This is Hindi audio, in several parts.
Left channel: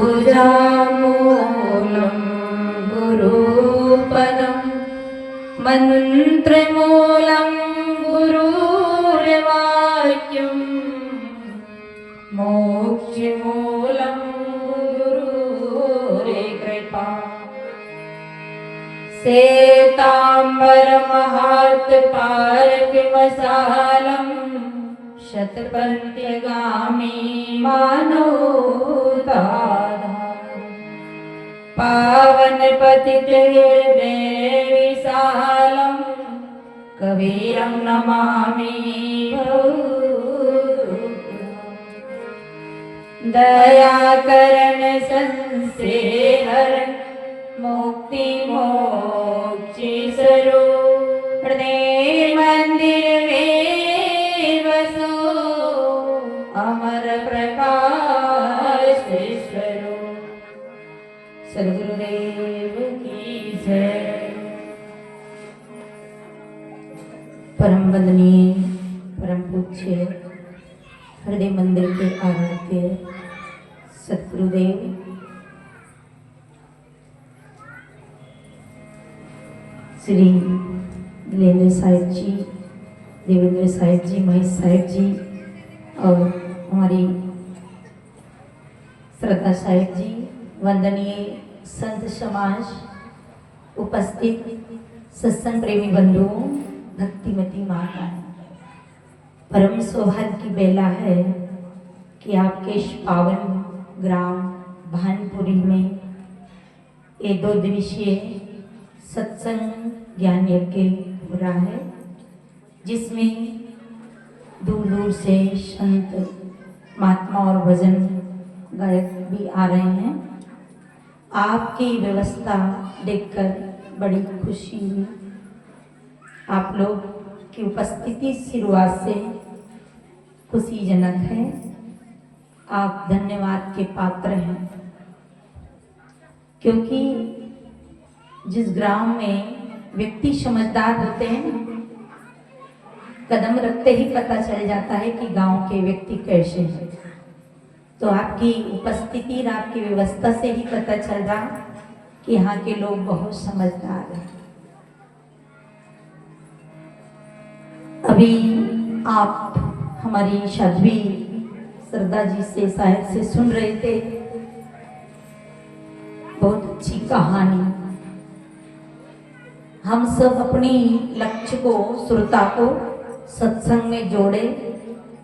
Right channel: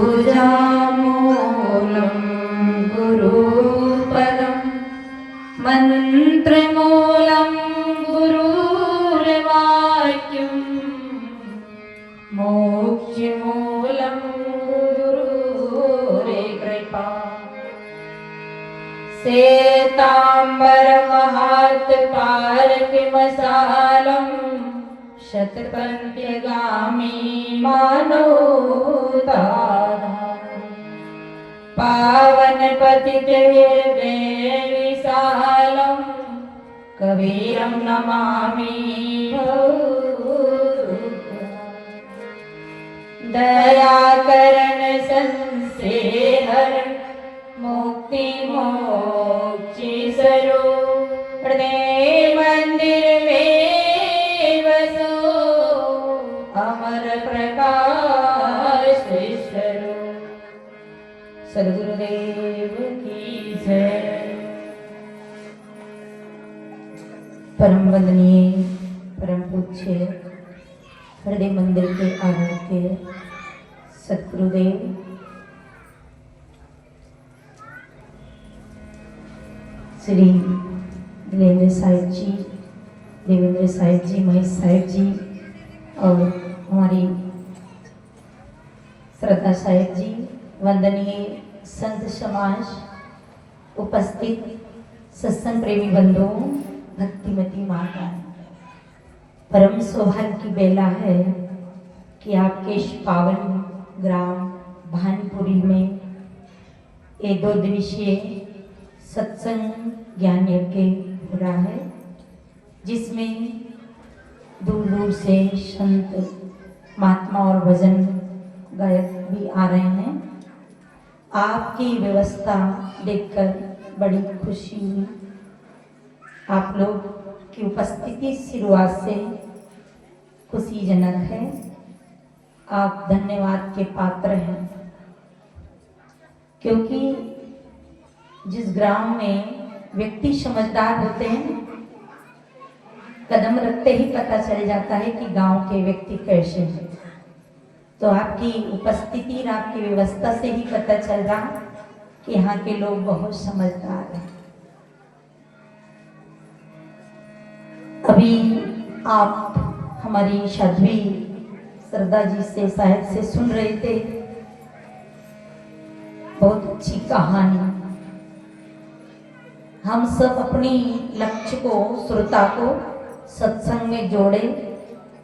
पूजामूलं गुरुपदं मन्त्रमूलं गुरुर्वाक्यं मोक्षमूलं गुरुर्कृपा श्वेताम्बरमहात्तारकमसालं शतपथगामी मनोदारम् पावनपतितैर्देविशालं कबीरं नमामि दयाकरण संसेहरण मुक्ति स्वरूप हृदय मंदिर में बसो अमर प्रकाश स्वरूप सद्गुरुदेव की जय। परम वंदनीय परम पूज्य हृदय मंदिर के आराध्य सद्गुरुदेव श्री नीलेंद्र साहिब जी, देवेंद्र साहिब जी, महेश साहिब जी और हमारी श्रद्धा साहिब जी, वंदनीय संत समाज, उपस्थित सत्संग प्रेमी बंधुओं, भक्तिमती माता, परम सौभाग्य की बेला है कि आपके इस पावन ग्राम भानपुरी में ये 2 दिवसीय सत्संग ज्ञान यज्ञ हो रहा है, जिसमें दूर दूर से संत महात्मा और भजन गायक भी आ रहे हैं। आपकी व्यवस्था देखकर बड़ी खुशी हुई। आप लोग की उपस्थिति शुरुआत से खुशीजनक है। आप धन्यवाद के पात्र हैं, क्योंकि जिस ग्राम में व्यक्ति समझदार होते हैं, कदम रखते ही पता चल जाता है कि गांव के व्यक्ति कैसे हैं। तो आपकी उपस्थिति और आपकी व्यवस्था से ही पता चल रहा कि यहाँ के लोग बहुत समझदार हैं। अभी आप हमारी साध्वी श्रद्धा जी से शायद से सुन रहे थे बहुत अच्छी कहानी। हम सब अपनी लक्ष्य को, श्रोता को सत्संग में जोड़े,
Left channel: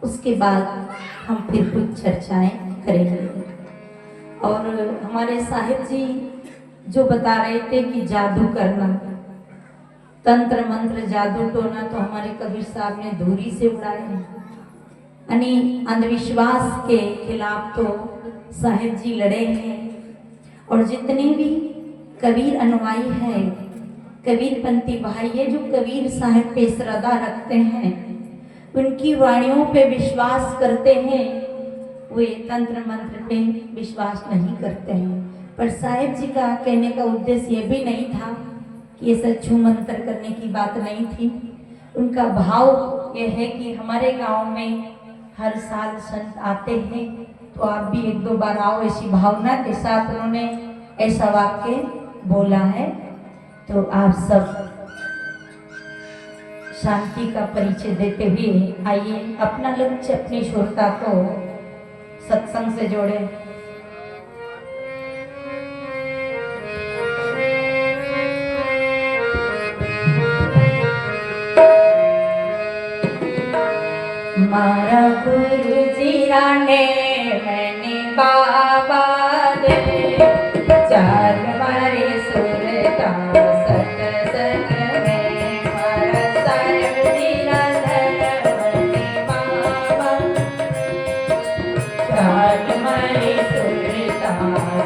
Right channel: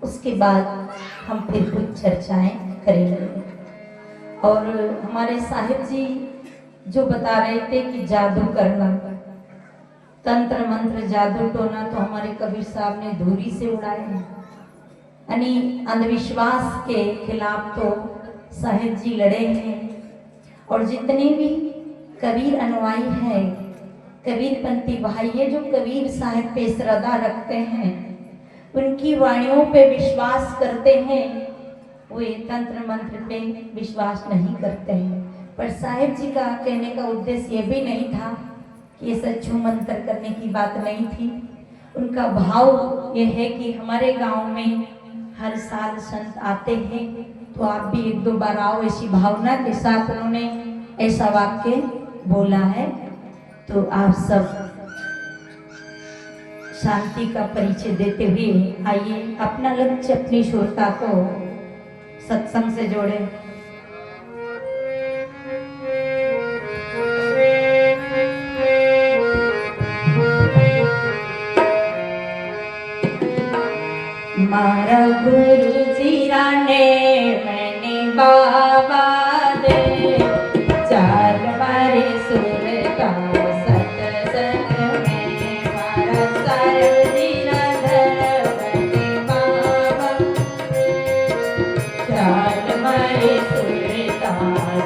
उसके बाद हम फिर कुछ चर्चाएं करेंगे। और हमारे साहिब जी जो बता रहे थे कि जादू करना, तंत्र मंत्र जादू टोना, तो हमारे कबीर साहब ने धूरी से उड़ाए हैं। यानी अंधविश्वास के खिलाफ तो साहिब जी लड़े हैं। और जितने भी कबीर अनुयायी हैं, कबीरपंथी भाई है, जो कबीर साहिब पे श्रद्धा रखते हैं, उनकी वाणियों पे विश्वास करते हैं, वे तंत्र मंत्र पे विश्वास नहीं करते हैं। पर साहिब जी का कहने का उद्देश्य ये भी नहीं था कि ये सच्चू मंत्र करने की बात नहीं थी। उनका भाव ये है कि हमारे गांव में हर साल संत आते हैं, तो आप भी 1-2 बार आओ, ऐसी भावना के साथ उन्होंने ऐसा वाक्य बोला है। तो आप सब शांति का परिचय देते हुए आइए अपना लक्ष्य, अपनी श्रोता को सत्संग से जोड़े। मारा गुरु जी राने मैंने बाबा दे चार मारे सुरता सत्संग में, मारा साहिब जी राधर मैंने बाबा चार मारे सुरता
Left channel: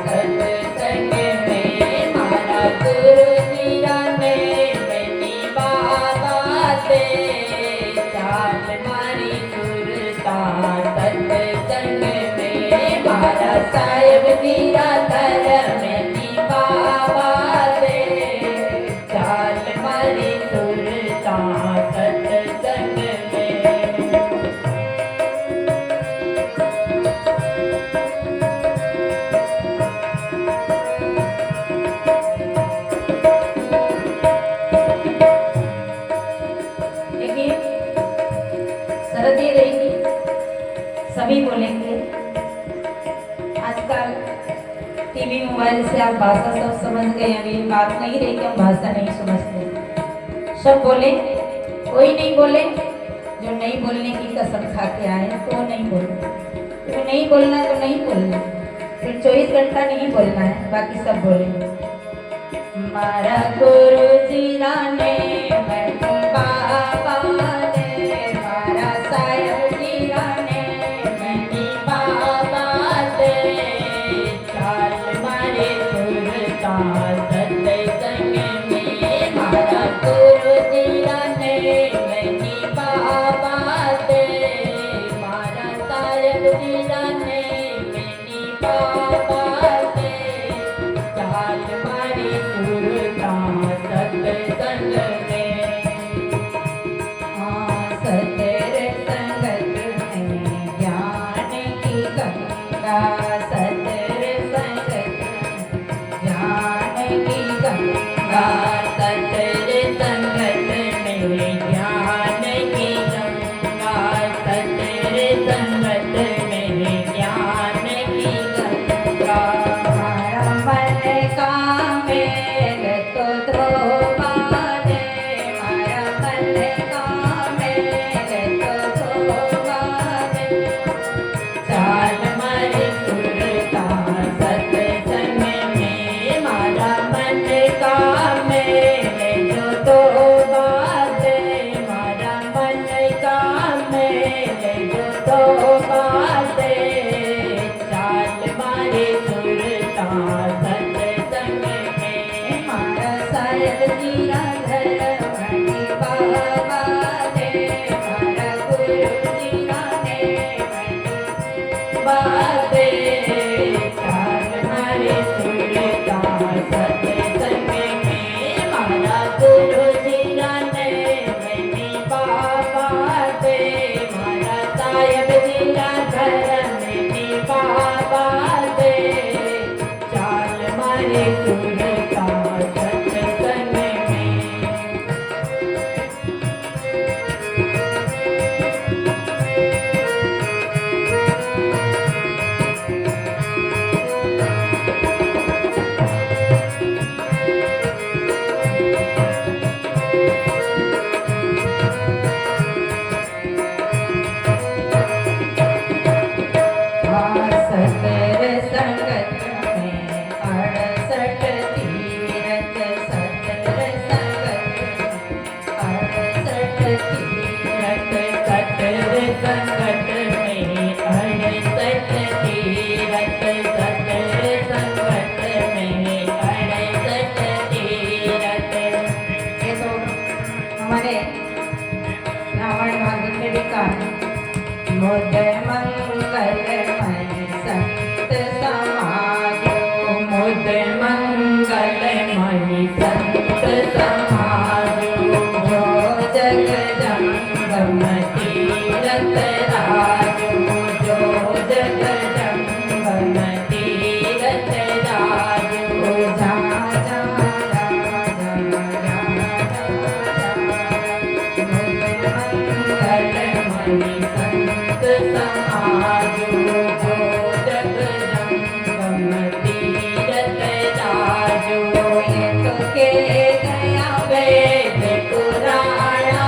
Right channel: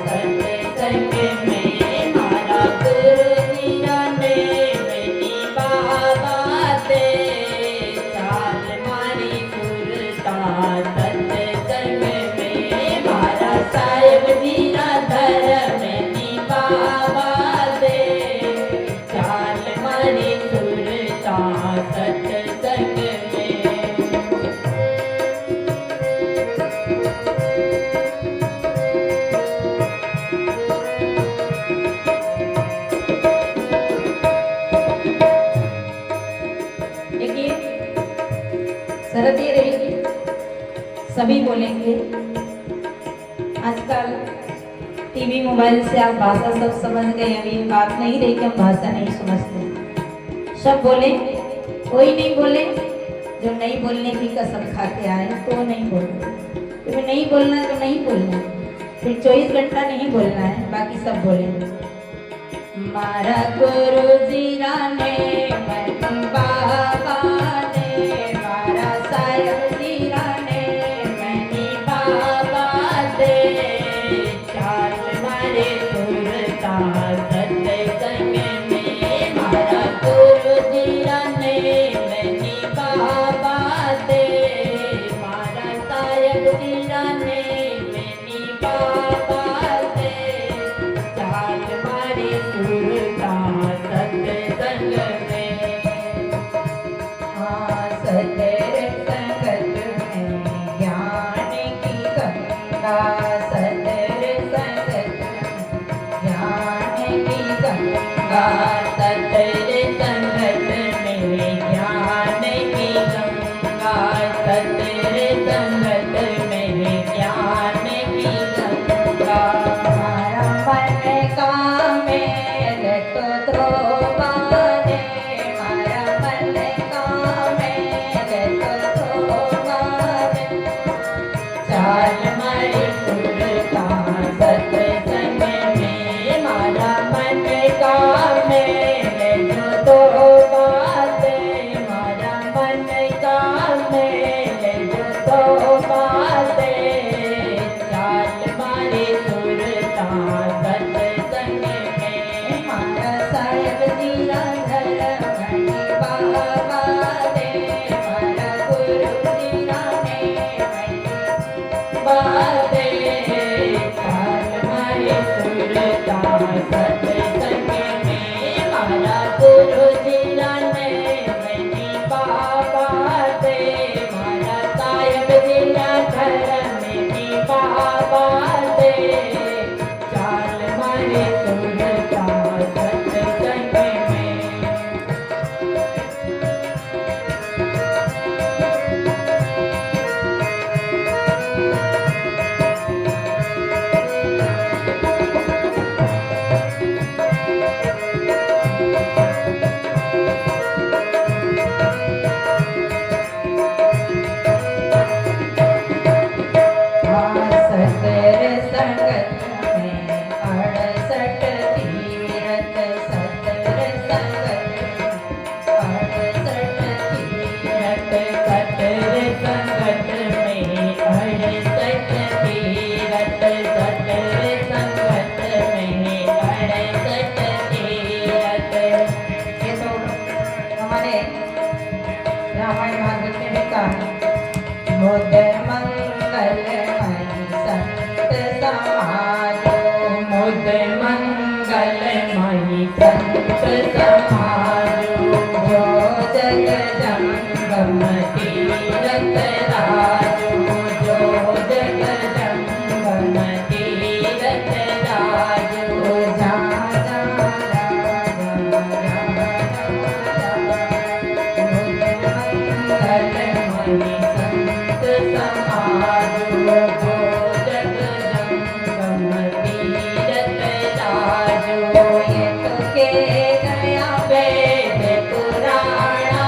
सत्संग में, मारा गुरु जी राने मैंने बाबा दे चार मारे सत्संग में, मारा साहिब जी राधर मैंने बाबा दे चाल मारी सुरता सत्संग में। आजकल टीवी मोबाइल से आप भाषा सब समझ गए, अभी बात नहीं रही कि हम भाषा नहीं समझते। सब बोले, कोई नहीं बोले जो नहीं बोलने की कसम खा के आए तो नहीं बोलना, क्योंकि नहीं बोलना तो नहीं बोलना, फिर 24 घंटा नहीं बोलना है, बाकी सब बोले। मारा गुरु जी ने बाबा ने, मारा साहेब जी ने मनी बाबा दे, चाल मारे सुरता सत्संग में, मारा गुरु जी ने मनी बाबा दे, मारा साहेब जी ने मनी बाबा दे, चाल मारे सुरता सत्संग में। हाँ सत्संग में ज्ञान की गंगा, सत्संग ज्ञान की गंगा, सत्संग में ज्ञान की गंगा, सत्संग में ज्ञान की गंगा। मन का मेल तो ध्रुवा दे, मारा मन का मेल तो ध्रुवा दे, चाल मारे सुरता सत्संग में, मारा मन का मेल जो ध्रुवा दे, मारा मन का मेल जो ध्रुवा दे, चाल मारे सुरता सत्संग में, मारा साहेब जी घर मनी बाबा दे, मारा गुरु जी ने मनी बाबे, चाल मारे सुरता सत्संग में, मारा गुरु जी ने मनी बाबा दे, मारा साहेब जी घर मनी बाबा दे, चाल मारे सुरता सत्संग में। सतर संगत में 68 तीरथ, सतर संगत में 68 तीरथ, सतर संगत में 68 तीरथ, सतर संगत में 68 तीरथ। ये तो हमारे रामायण भागवत में भी कहा, मुद मंगल संत समाजो, मुद मंगल मणि संत समाजो, जो जग जंगम तीरथ राजो, जो जग जंगम तीरथ राजो, जा जा मंगल मणि संत समाजो, जो जग जंगम तीरथ राजो। ये तो के गया वेद पुराणा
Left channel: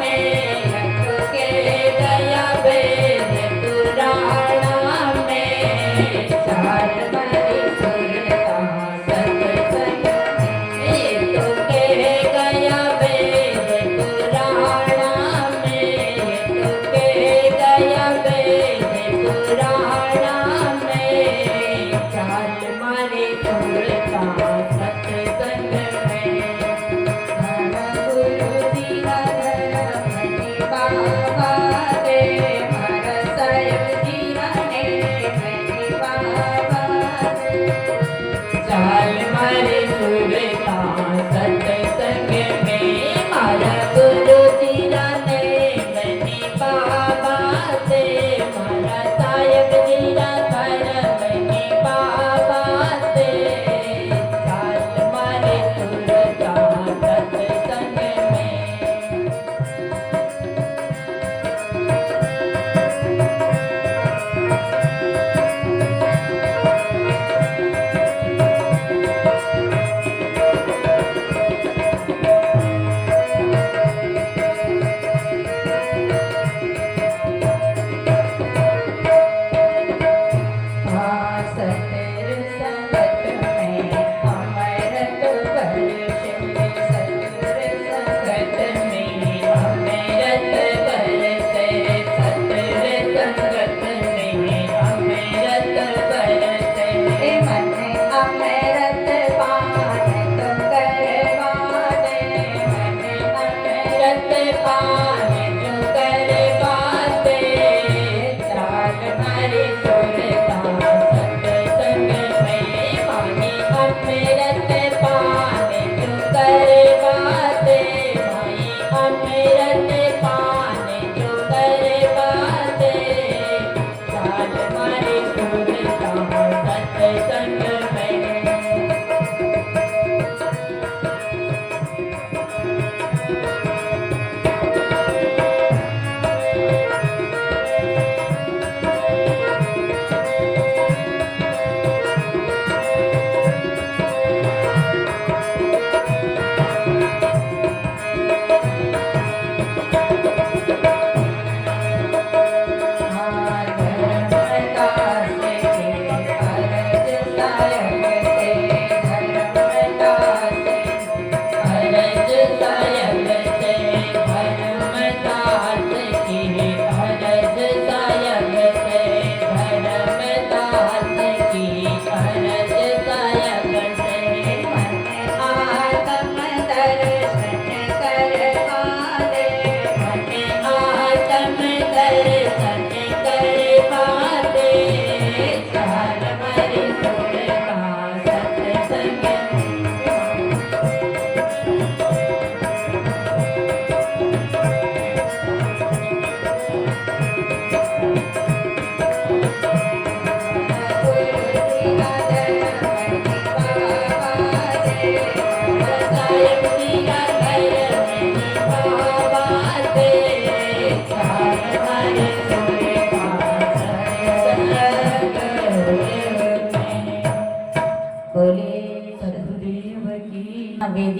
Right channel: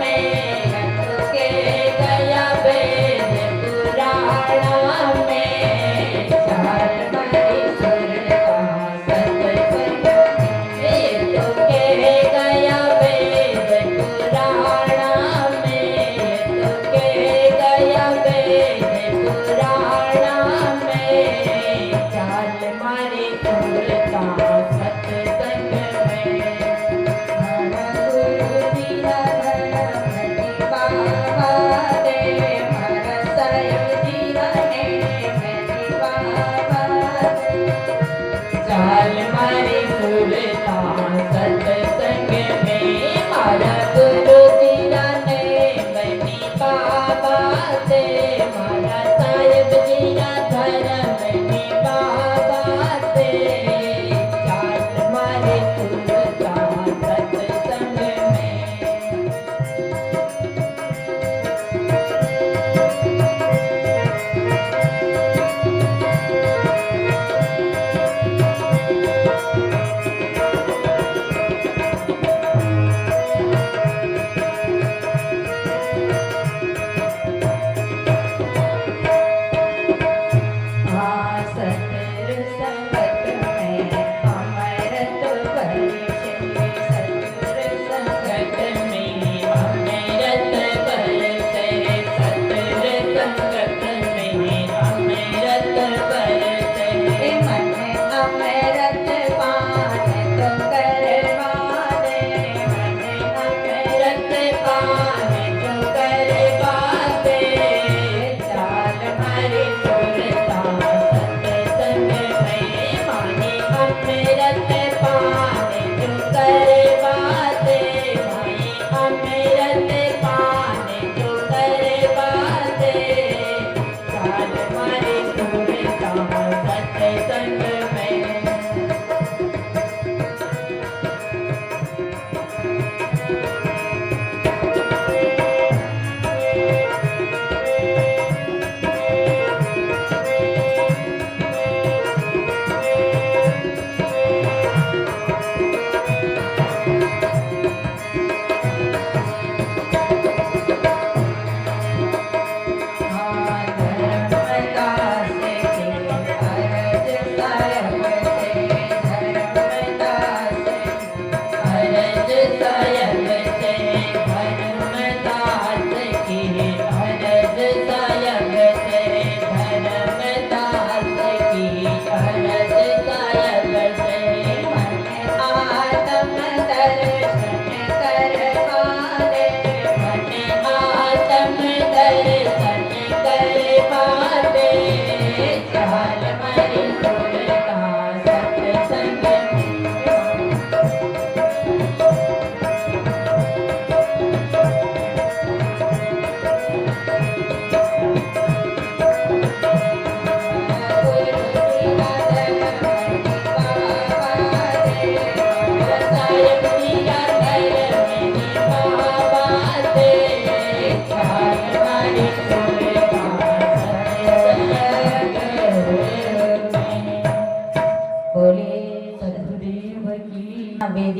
में, ये तो के गया वेद पुराणा में, चाल मारे सुरता सत्संग में, ये तो के गया वेद पुराणा में, ये तो के गया वेद पुराणा में, चाल मारे सुरता सत्संग में, मारा गुरु जी घर मनी बाबा दे, मारा साहेब जी ने मनी बाबा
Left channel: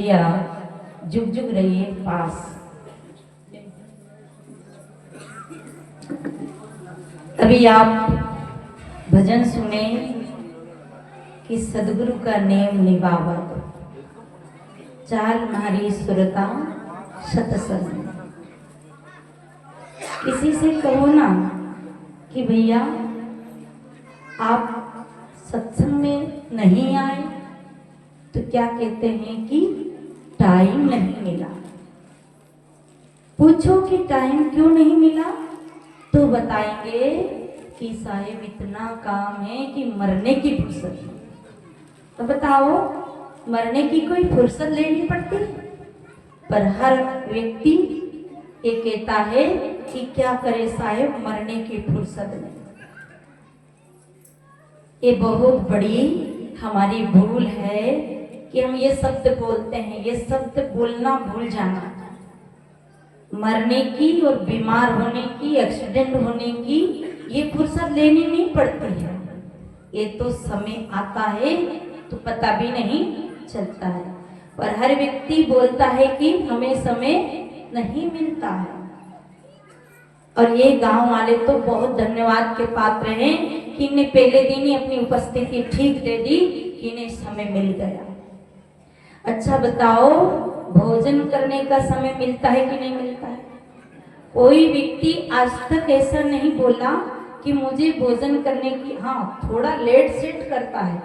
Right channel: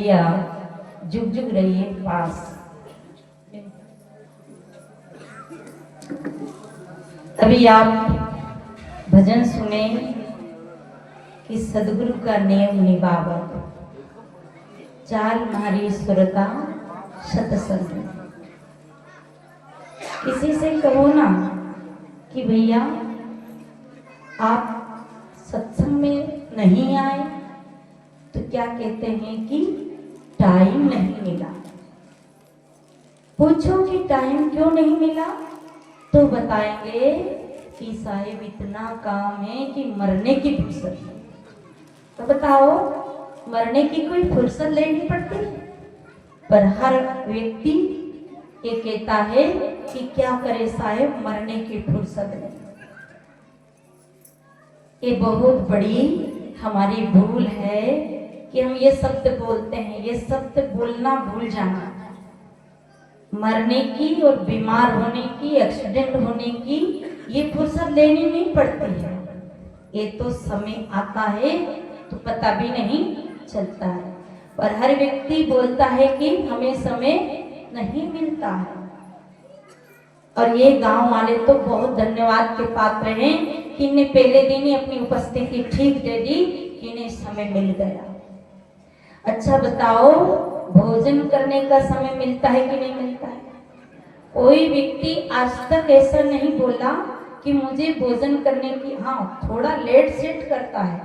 भैया जुग जुग रहिए पास। अभी आप भजन सुने कि सदगुरु का नेम निभावत, चाल मारी सुरता सतसंग। किसी से कहो ना कि भैया आप सत्संग में नहीं आए, तो क्या कहते हैं कि टाइम नहीं मिला। पूछो कि टाइम क्यों नहीं मिला, तो बताएंगे कि साहेब इतना काम है कि मरने की फुर्सत है। तो बताओ, मरने की कोई फुर्सत लेनी पड़ती है? पर हर व्यक्ति ये कहता है कि क्या करे साहेब, मरने की फुर्सत नहीं। ये बहुत बड़ी हमारी भूल है कि हम ये शब्द बोलते हैं। ये शब्द बोलना भूल जाना। मरने की और बीमार होने की, एक्सीडेंट होने की ये फुर्सत लेनी नहीं पड़ती है। ये तो समय आता है तो पता भी नहीं चलता है। पर हर व्यक्ति बोलता है कि हमें समय नहीं मिलता है। और ये गांव वाले तो बहुत धन्यवाद के पात्र हैं कि इन्हें पहले दिन ही अपनी उपस्थिति ठीक दे दी कि इन्हें समय मिल गया। अच्छा बताओ, भोजन करने का समय मिलता है कि नहीं मिलता है? कोई व्यक्ति आज तक ऐसा नहीं बोला कि मुझे भोजन करने की, हाँ थोड़ा लेट सेट करता है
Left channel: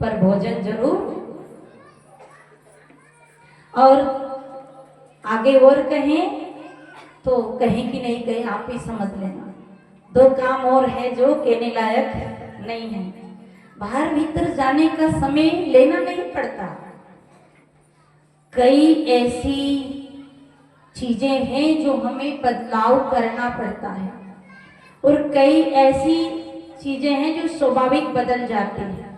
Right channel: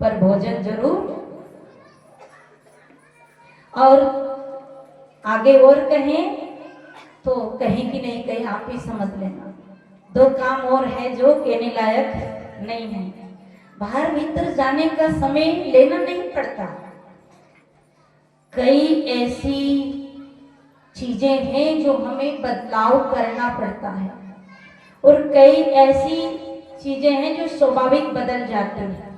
पर भोजन जरूर। और आगे और कहें तो कहें कि नहीं कहें, आप ही समझ लेना। दो काम और है जो कहने लायक नहीं है। बाहर भीतर जाने का समय लेना नहीं पड़ता। कई ऐसी चीजें हैं जो हमें बदलाव करना पड़ता है, और कई ऐसी चीजें हैं जो स्वाभाविक बदल जाती हैं।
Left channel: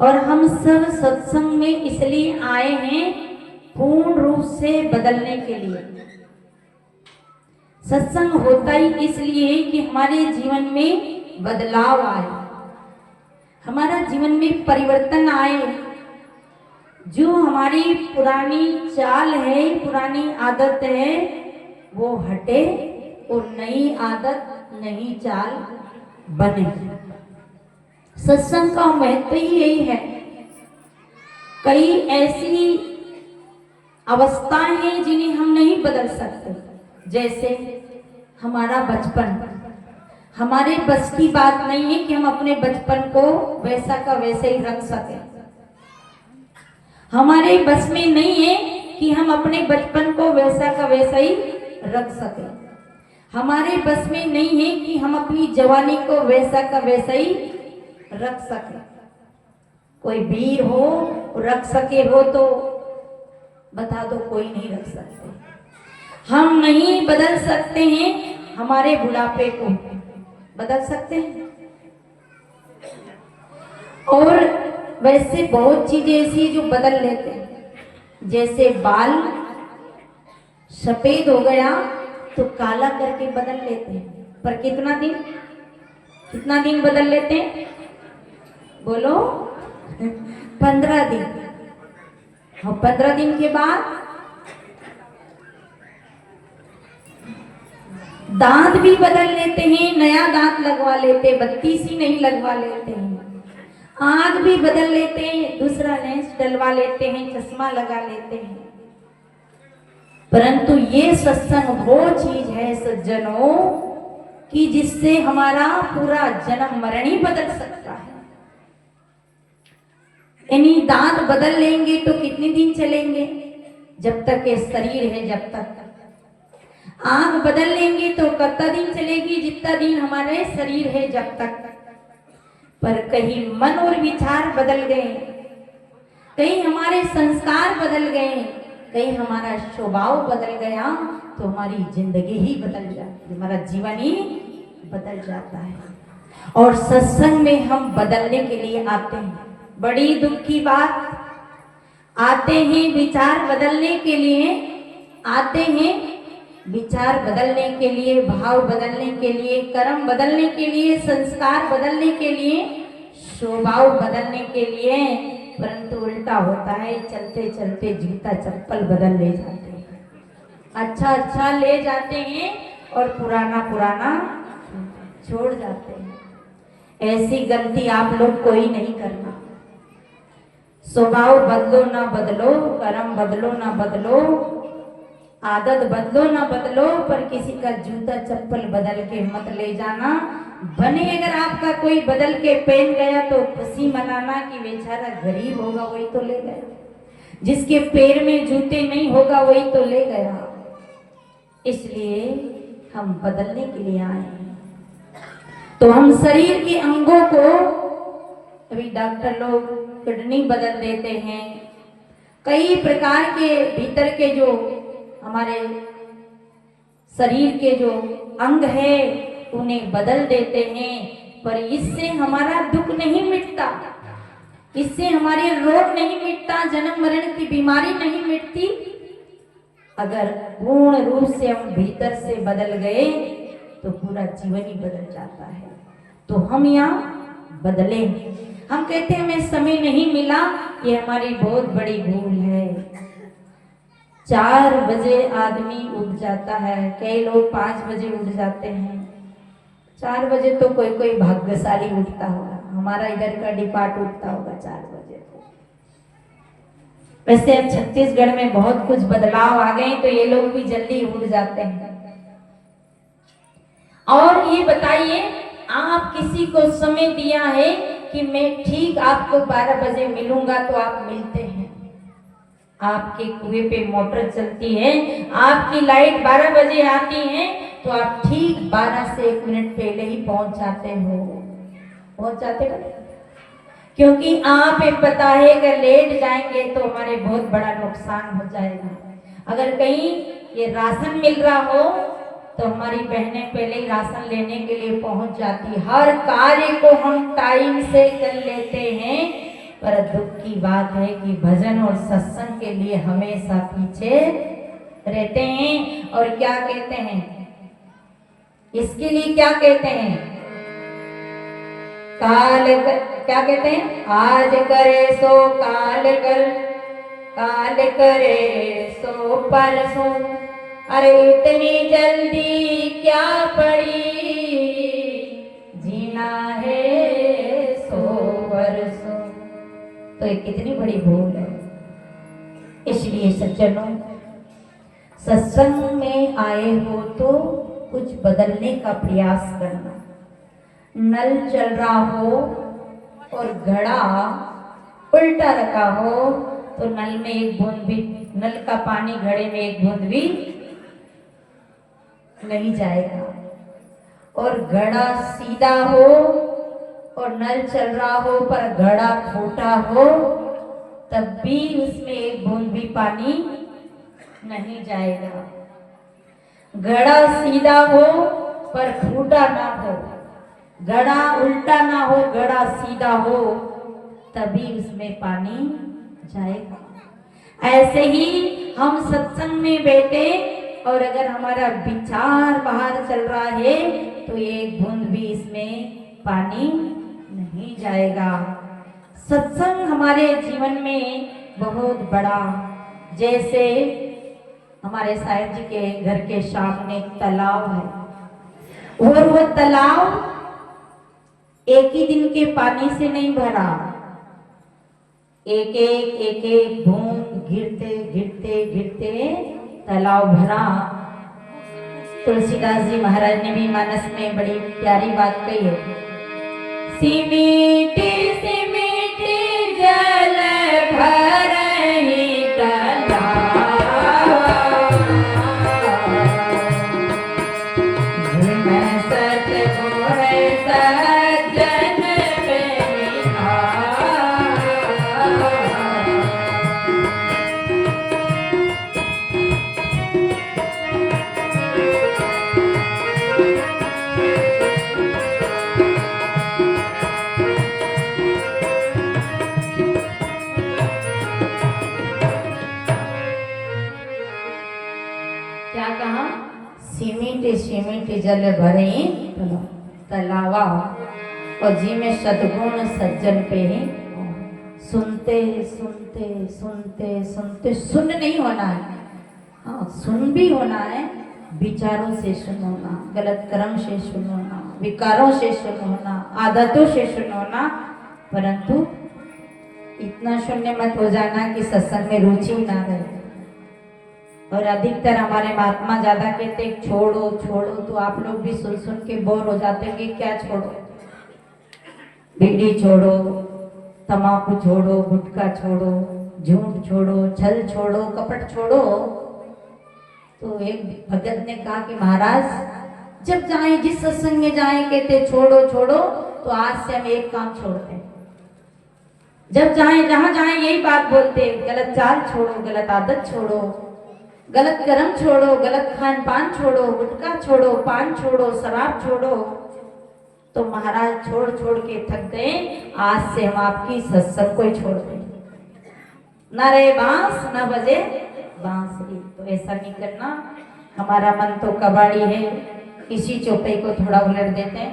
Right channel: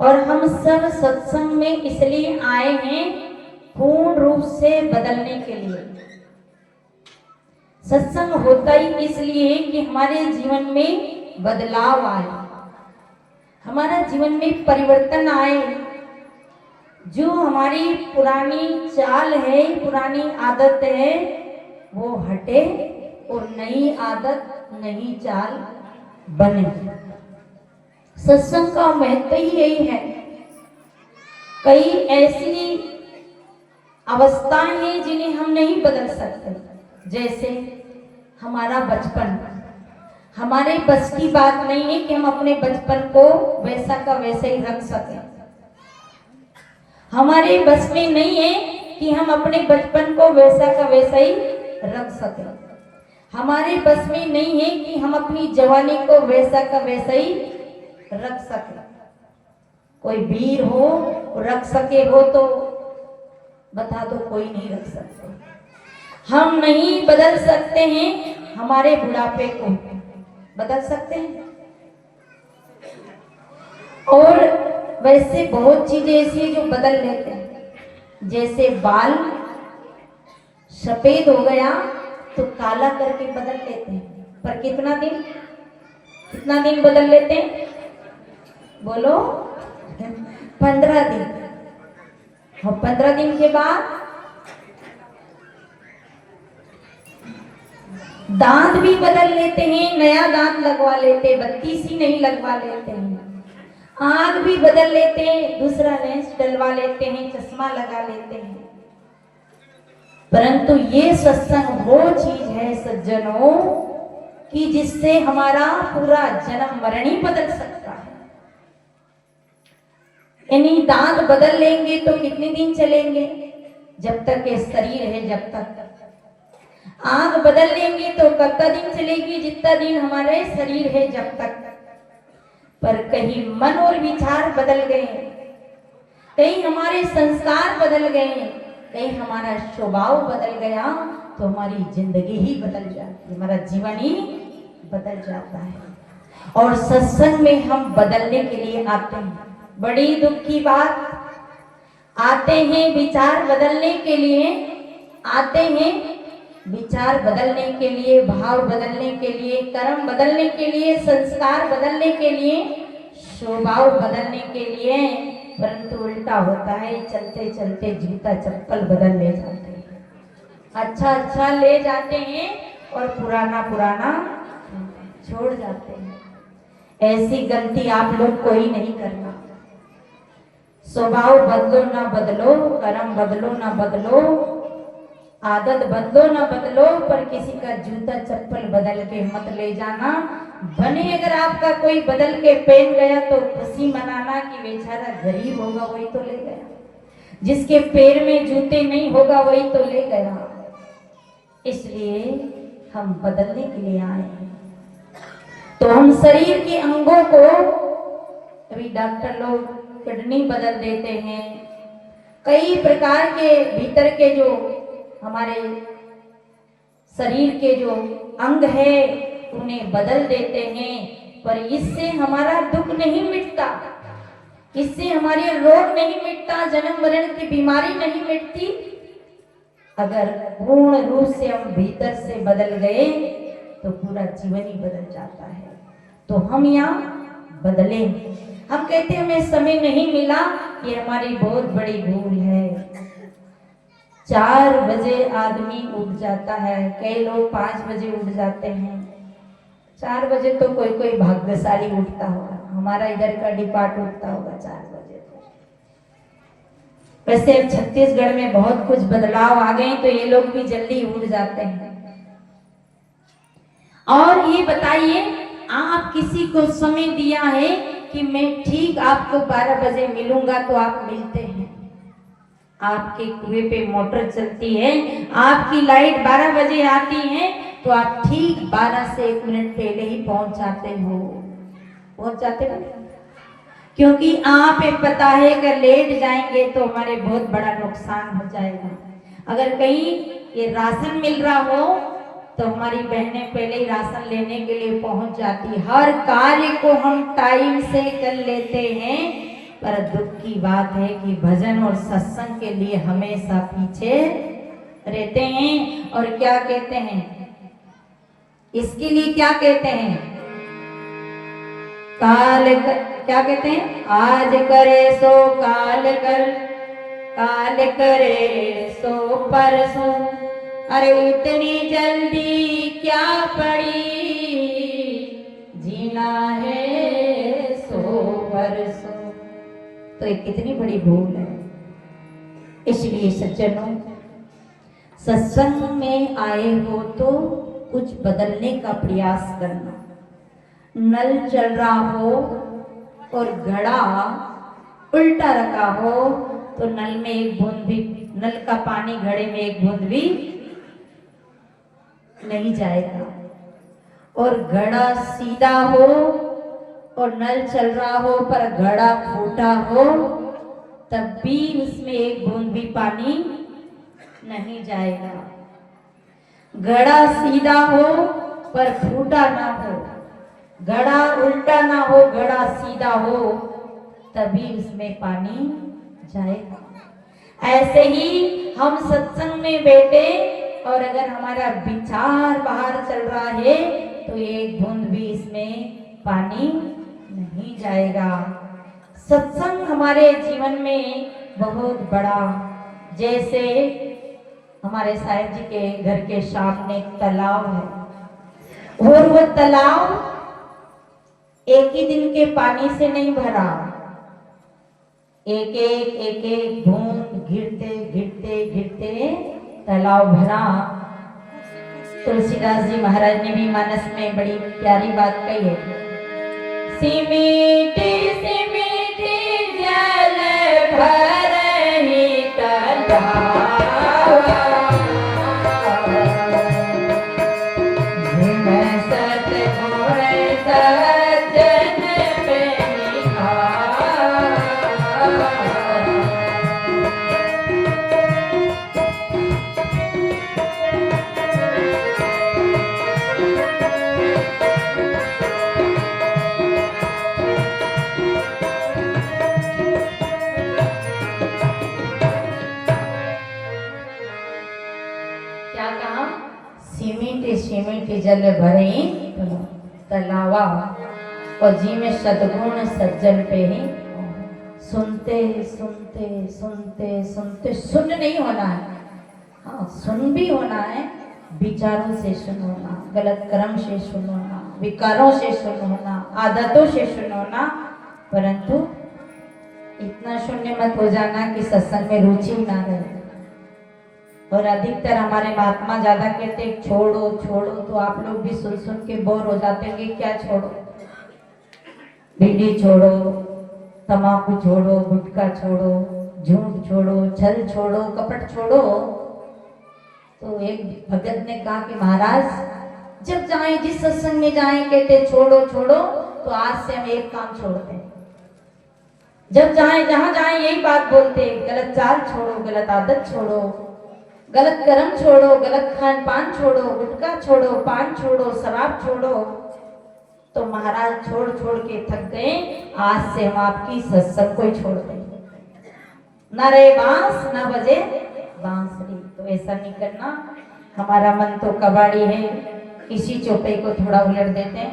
और हम सब सत्संग में इसलिए आए हैं पूर्ण रूप से बदलने के लिए। सत्संग होता ही इसलिए कि हमारे जीवन में बदलाव आए, हमारा जीवन में परिवर्तन आए। जो हमारी पुरानी चाल है, पुरानी आदत है, वो हटे और नई आदत, नई चाल बने। सत्संग का महत्व ही यही है। कई ऐसी अवस्थाएं हैं जिन्हें हम नहीं बदल सकते। जैसे हमारा बचपन, हमारे बस की बात नहीं है कि हम अपने बचपन को वैसा का वैसे ही रख सकें। हमारे बस में नहीं है कि हम अपने बचपन को वैसा का वैसा ही रख सकें। हमारे बस में नहीं है कि हम अपनी जवानी को वैसा का वैसा ही रख सके। कोई वीर हो रख सके हो तो बता दो, कोई नहीं रख सकते। हम नहीं बदल सकते हैं हमारे बुढ़ापे को, बदल सकते हैं। और वैसे बहुत चीजें ऐसी जो बदल लेते हैं। जैसे बाल सफेद हो गया तो काला करके बदल लेते हैं, पर कितना दिन बदल लेते हैं? बोलो 15 दिन। और 15 दिन के बाद दांत भी बदल लेते हैं, नया दांत लगवा लेते, 32 ही नहीं लगवा लेते हैं। आँख भी बदल लेते हैं, दूसरा लेंस डलवा लेते हैं, चश्मा लगा लेते हैं। परंतु ये सत्संग वो चीज है सज्जनों कि जिससे हमारा पूरा जन्म मरण ही बदल सकता है। यानी दांत बदल लेंगे तो कितने दिन चलेंगे? जब तक ये शरीर है, जब तक। आंख बदल लेंगे तो कितना दिन चलेगी? जितना दिन हमारे शरीर है, जब तक। पर कहीं मन और विचार बदल गए, कहीं हमारे संस्कार बदल गए, कहीं हमारा स्वभाव बदल गया तो हमारी जिंदगी ही बदल जाती है, हमारा जीवन ही बदल जाता है। और सत्संग में हम बदलने के लिए आते हैं। बड़ी दुख की बात, आते हैं विचार बदलने के लिए, आते हैं विचार बदलने के लिए, भाव बदलने के लिए, कर्म बदलने के लिए, संस्कार बदलने के लिए, स्वभाव बदलने के लिए, परंतु उल्टा होता है, चलते चलते जूता चप्पल बदल ले जाते हैं, अच्छा अच्छा ले जाते हैं और पुराना पुराना छोड़ जाते हैं। ऐसी गलती आप लोग कोई नहीं करना। स्वभाव बदलो ना बदलो, कर्म बदलो ना बदलो, आदत बदलो ना बदलो, पर किसी का जूता चप्पल बदल के मत ले जाना। बने अगर आपका कोई बदल के पहन गया तो खुशी मनाना कि बेचारा गरीब होगा वही तो ले गया, जिसके पैर में जूते नहीं होगा वही तो ले गया। इसलिए हम बदलने के लिए आए हैं। तो हम शरीर के अंगों को, अभी डॉक्टर लोग किडनी बदल देते हैं, कई प्रकार के भीतर के जो हमारे शरीर के जो अंग है उन्हें बदल देते हैं, पर इससे हमारा दुख नहीं मिटता, इससे हमारे रोग नहीं मिटता, जन्म मरण की बीमारी नहीं मिटती। अगर पूर्ण रूप से हम भीतर से बदल गए तो पूरा जीवन ही बदल जाता है। तो हम यहाँ बदले। हम कहते हैं हमें समय नहीं मिला, ये हमारी बहुत बड़ी भूल है। 4 बजे आदमी उठ जाता है, कई लोग 5 बजे उठ जाते हैं। 4 बजे तो कोई कोई भाग्यशाली उठता होगा, हमारा इधर का डिपार्ट उठता होगा 4 बजे को। वैसे अब छत्तीसगढ़ में बहुत कुछ बदलाव आ गए तो ये लोग भी जल्दी उठ जाते हैं। और ये बताइए, आप किसी को समय दिया है कि मैं ठीक आपको 12 बजे मिलूंगा तो आप मिलते हैं। आपके कुएं पे मोटर चलती है, आपकी लाइट 12 बजे आती है तो आप ठीक 12 से 1 मिनट पहले ही पहुंच जाते हो। पहुंच जाते हो क्योंकि आप पता है कि लेट जाएंगे तो हमारे बहुत बड़ा नुकसान हो जाएगा। अगर कहीं ये राशन मिल रहा हो तो हमारी बहनें पहले ही राशन लेने के लिए पहुंच जाती। हर कार्य को हम टाइम से कर लेते हैं, पर दुख की बात है कि भजन और सत्संग के लिए हमेशा पीछे रहते हैं। और क्या कहते हैं, इसके लिए क्या कहते हैं, क्या कहते हैं, आज करे सो काल कर, काल करे सो परसों, अरे इतनी जल्दी क्या पड़ी, जीना है सो परसों। तो ये कितनी बड़ी भूल है। इसलिए सज्जनों, सत्संग में आए हो तो कुछ बदलने का प्रयास करना। नल चल रहा हो और घड़ा उल्टा रखा हो तो नल में एक बूंद भी, नल का पानी घड़े में एक बूंद भी नहीं जाएगा। और घड़ा सीधा हो और नल चल रहा हो पर घड़ा फूटा हो तब भी उसमें एक बूंद भी पानी नहीं जाएगा। घड़ा सीधा हो पर फूटा ना हो, घड़ा उल्टा ना हो, घड़ा सीधा हो तभी उसमें पानी जाएगा। ऐसे ही हम सत्संग में बैठे और अगर हमारा विचार बाहर चल रहा है तो एक बूंद भी इसमें पानी नहीं जाएगा। सत्संग हमारे जीवन में बहुत बड़ा, जैसे हमारे साहिब जी के घर के सामने एक तालाब है और वो तालाब एक ही दिन के पानी से नहीं भरा, एक एक बूंद गिरते गिरते गिरते तालाब भरा। तुलसीदास जी महाराज ने भी मानस में बड़ी प्यारी बात कही है, सिमीटे सिमीटे जल भरहि तालाब, जिम सतगुण सज्जन प्रेमिका। सीमित जल भरे तलावा और जी में सद्गुण सज्जन पे ही। सुनते सुनते सुनते सुनते सुन नहीं होना है, हाँ सुन भी होना है, विचारों से सुनना, गलत कर्म से सुनना, विकारों से सुनना, आदतों से सुनना, परंतु इतना शून्य मत हो जाना कि सत्संग में रुचि ना रहे। और अधिकतर हमारे महात्मा ज्यादा कहते छोड़ो छोड़ो, तो आप लोग भी सुन सुन के बोर हो जाते हैं, क्या छोड़ो, बीड़ी छोड़ो, तम्बाकू छोड़ो, गुटखा छोड़ो, झूठ छोड़ो, छल छोड़ो, कपट छोड़ो। तो एक भगत ने कहा कि महाराज जब जाए जिस सत्संग में जाए कहते छोड़ो छोड़ो, तो आज से हम एक काम छोड़ते हैं। जब जाए जहां जाए यही बात बोलते, गलत चाल छोड़ो, गलत आदत छोड़ो, गलत कर्म छोड़ो, गलत खान पान छोड़ो, गुटखा छोड़ो, पान छोड़ो, शराब छोड़ो। तो महाराज छोड़ छोड़ के थक गए, आज से हम आपकी सत्संग को ही छोड़ देंगे, न रे बांस न बजे बांसुरी। तो ऐसा नहीं करना। हमारा मन तो कबाड़ी है, इसी चौपाई को थोड़ा उलट देते हैं।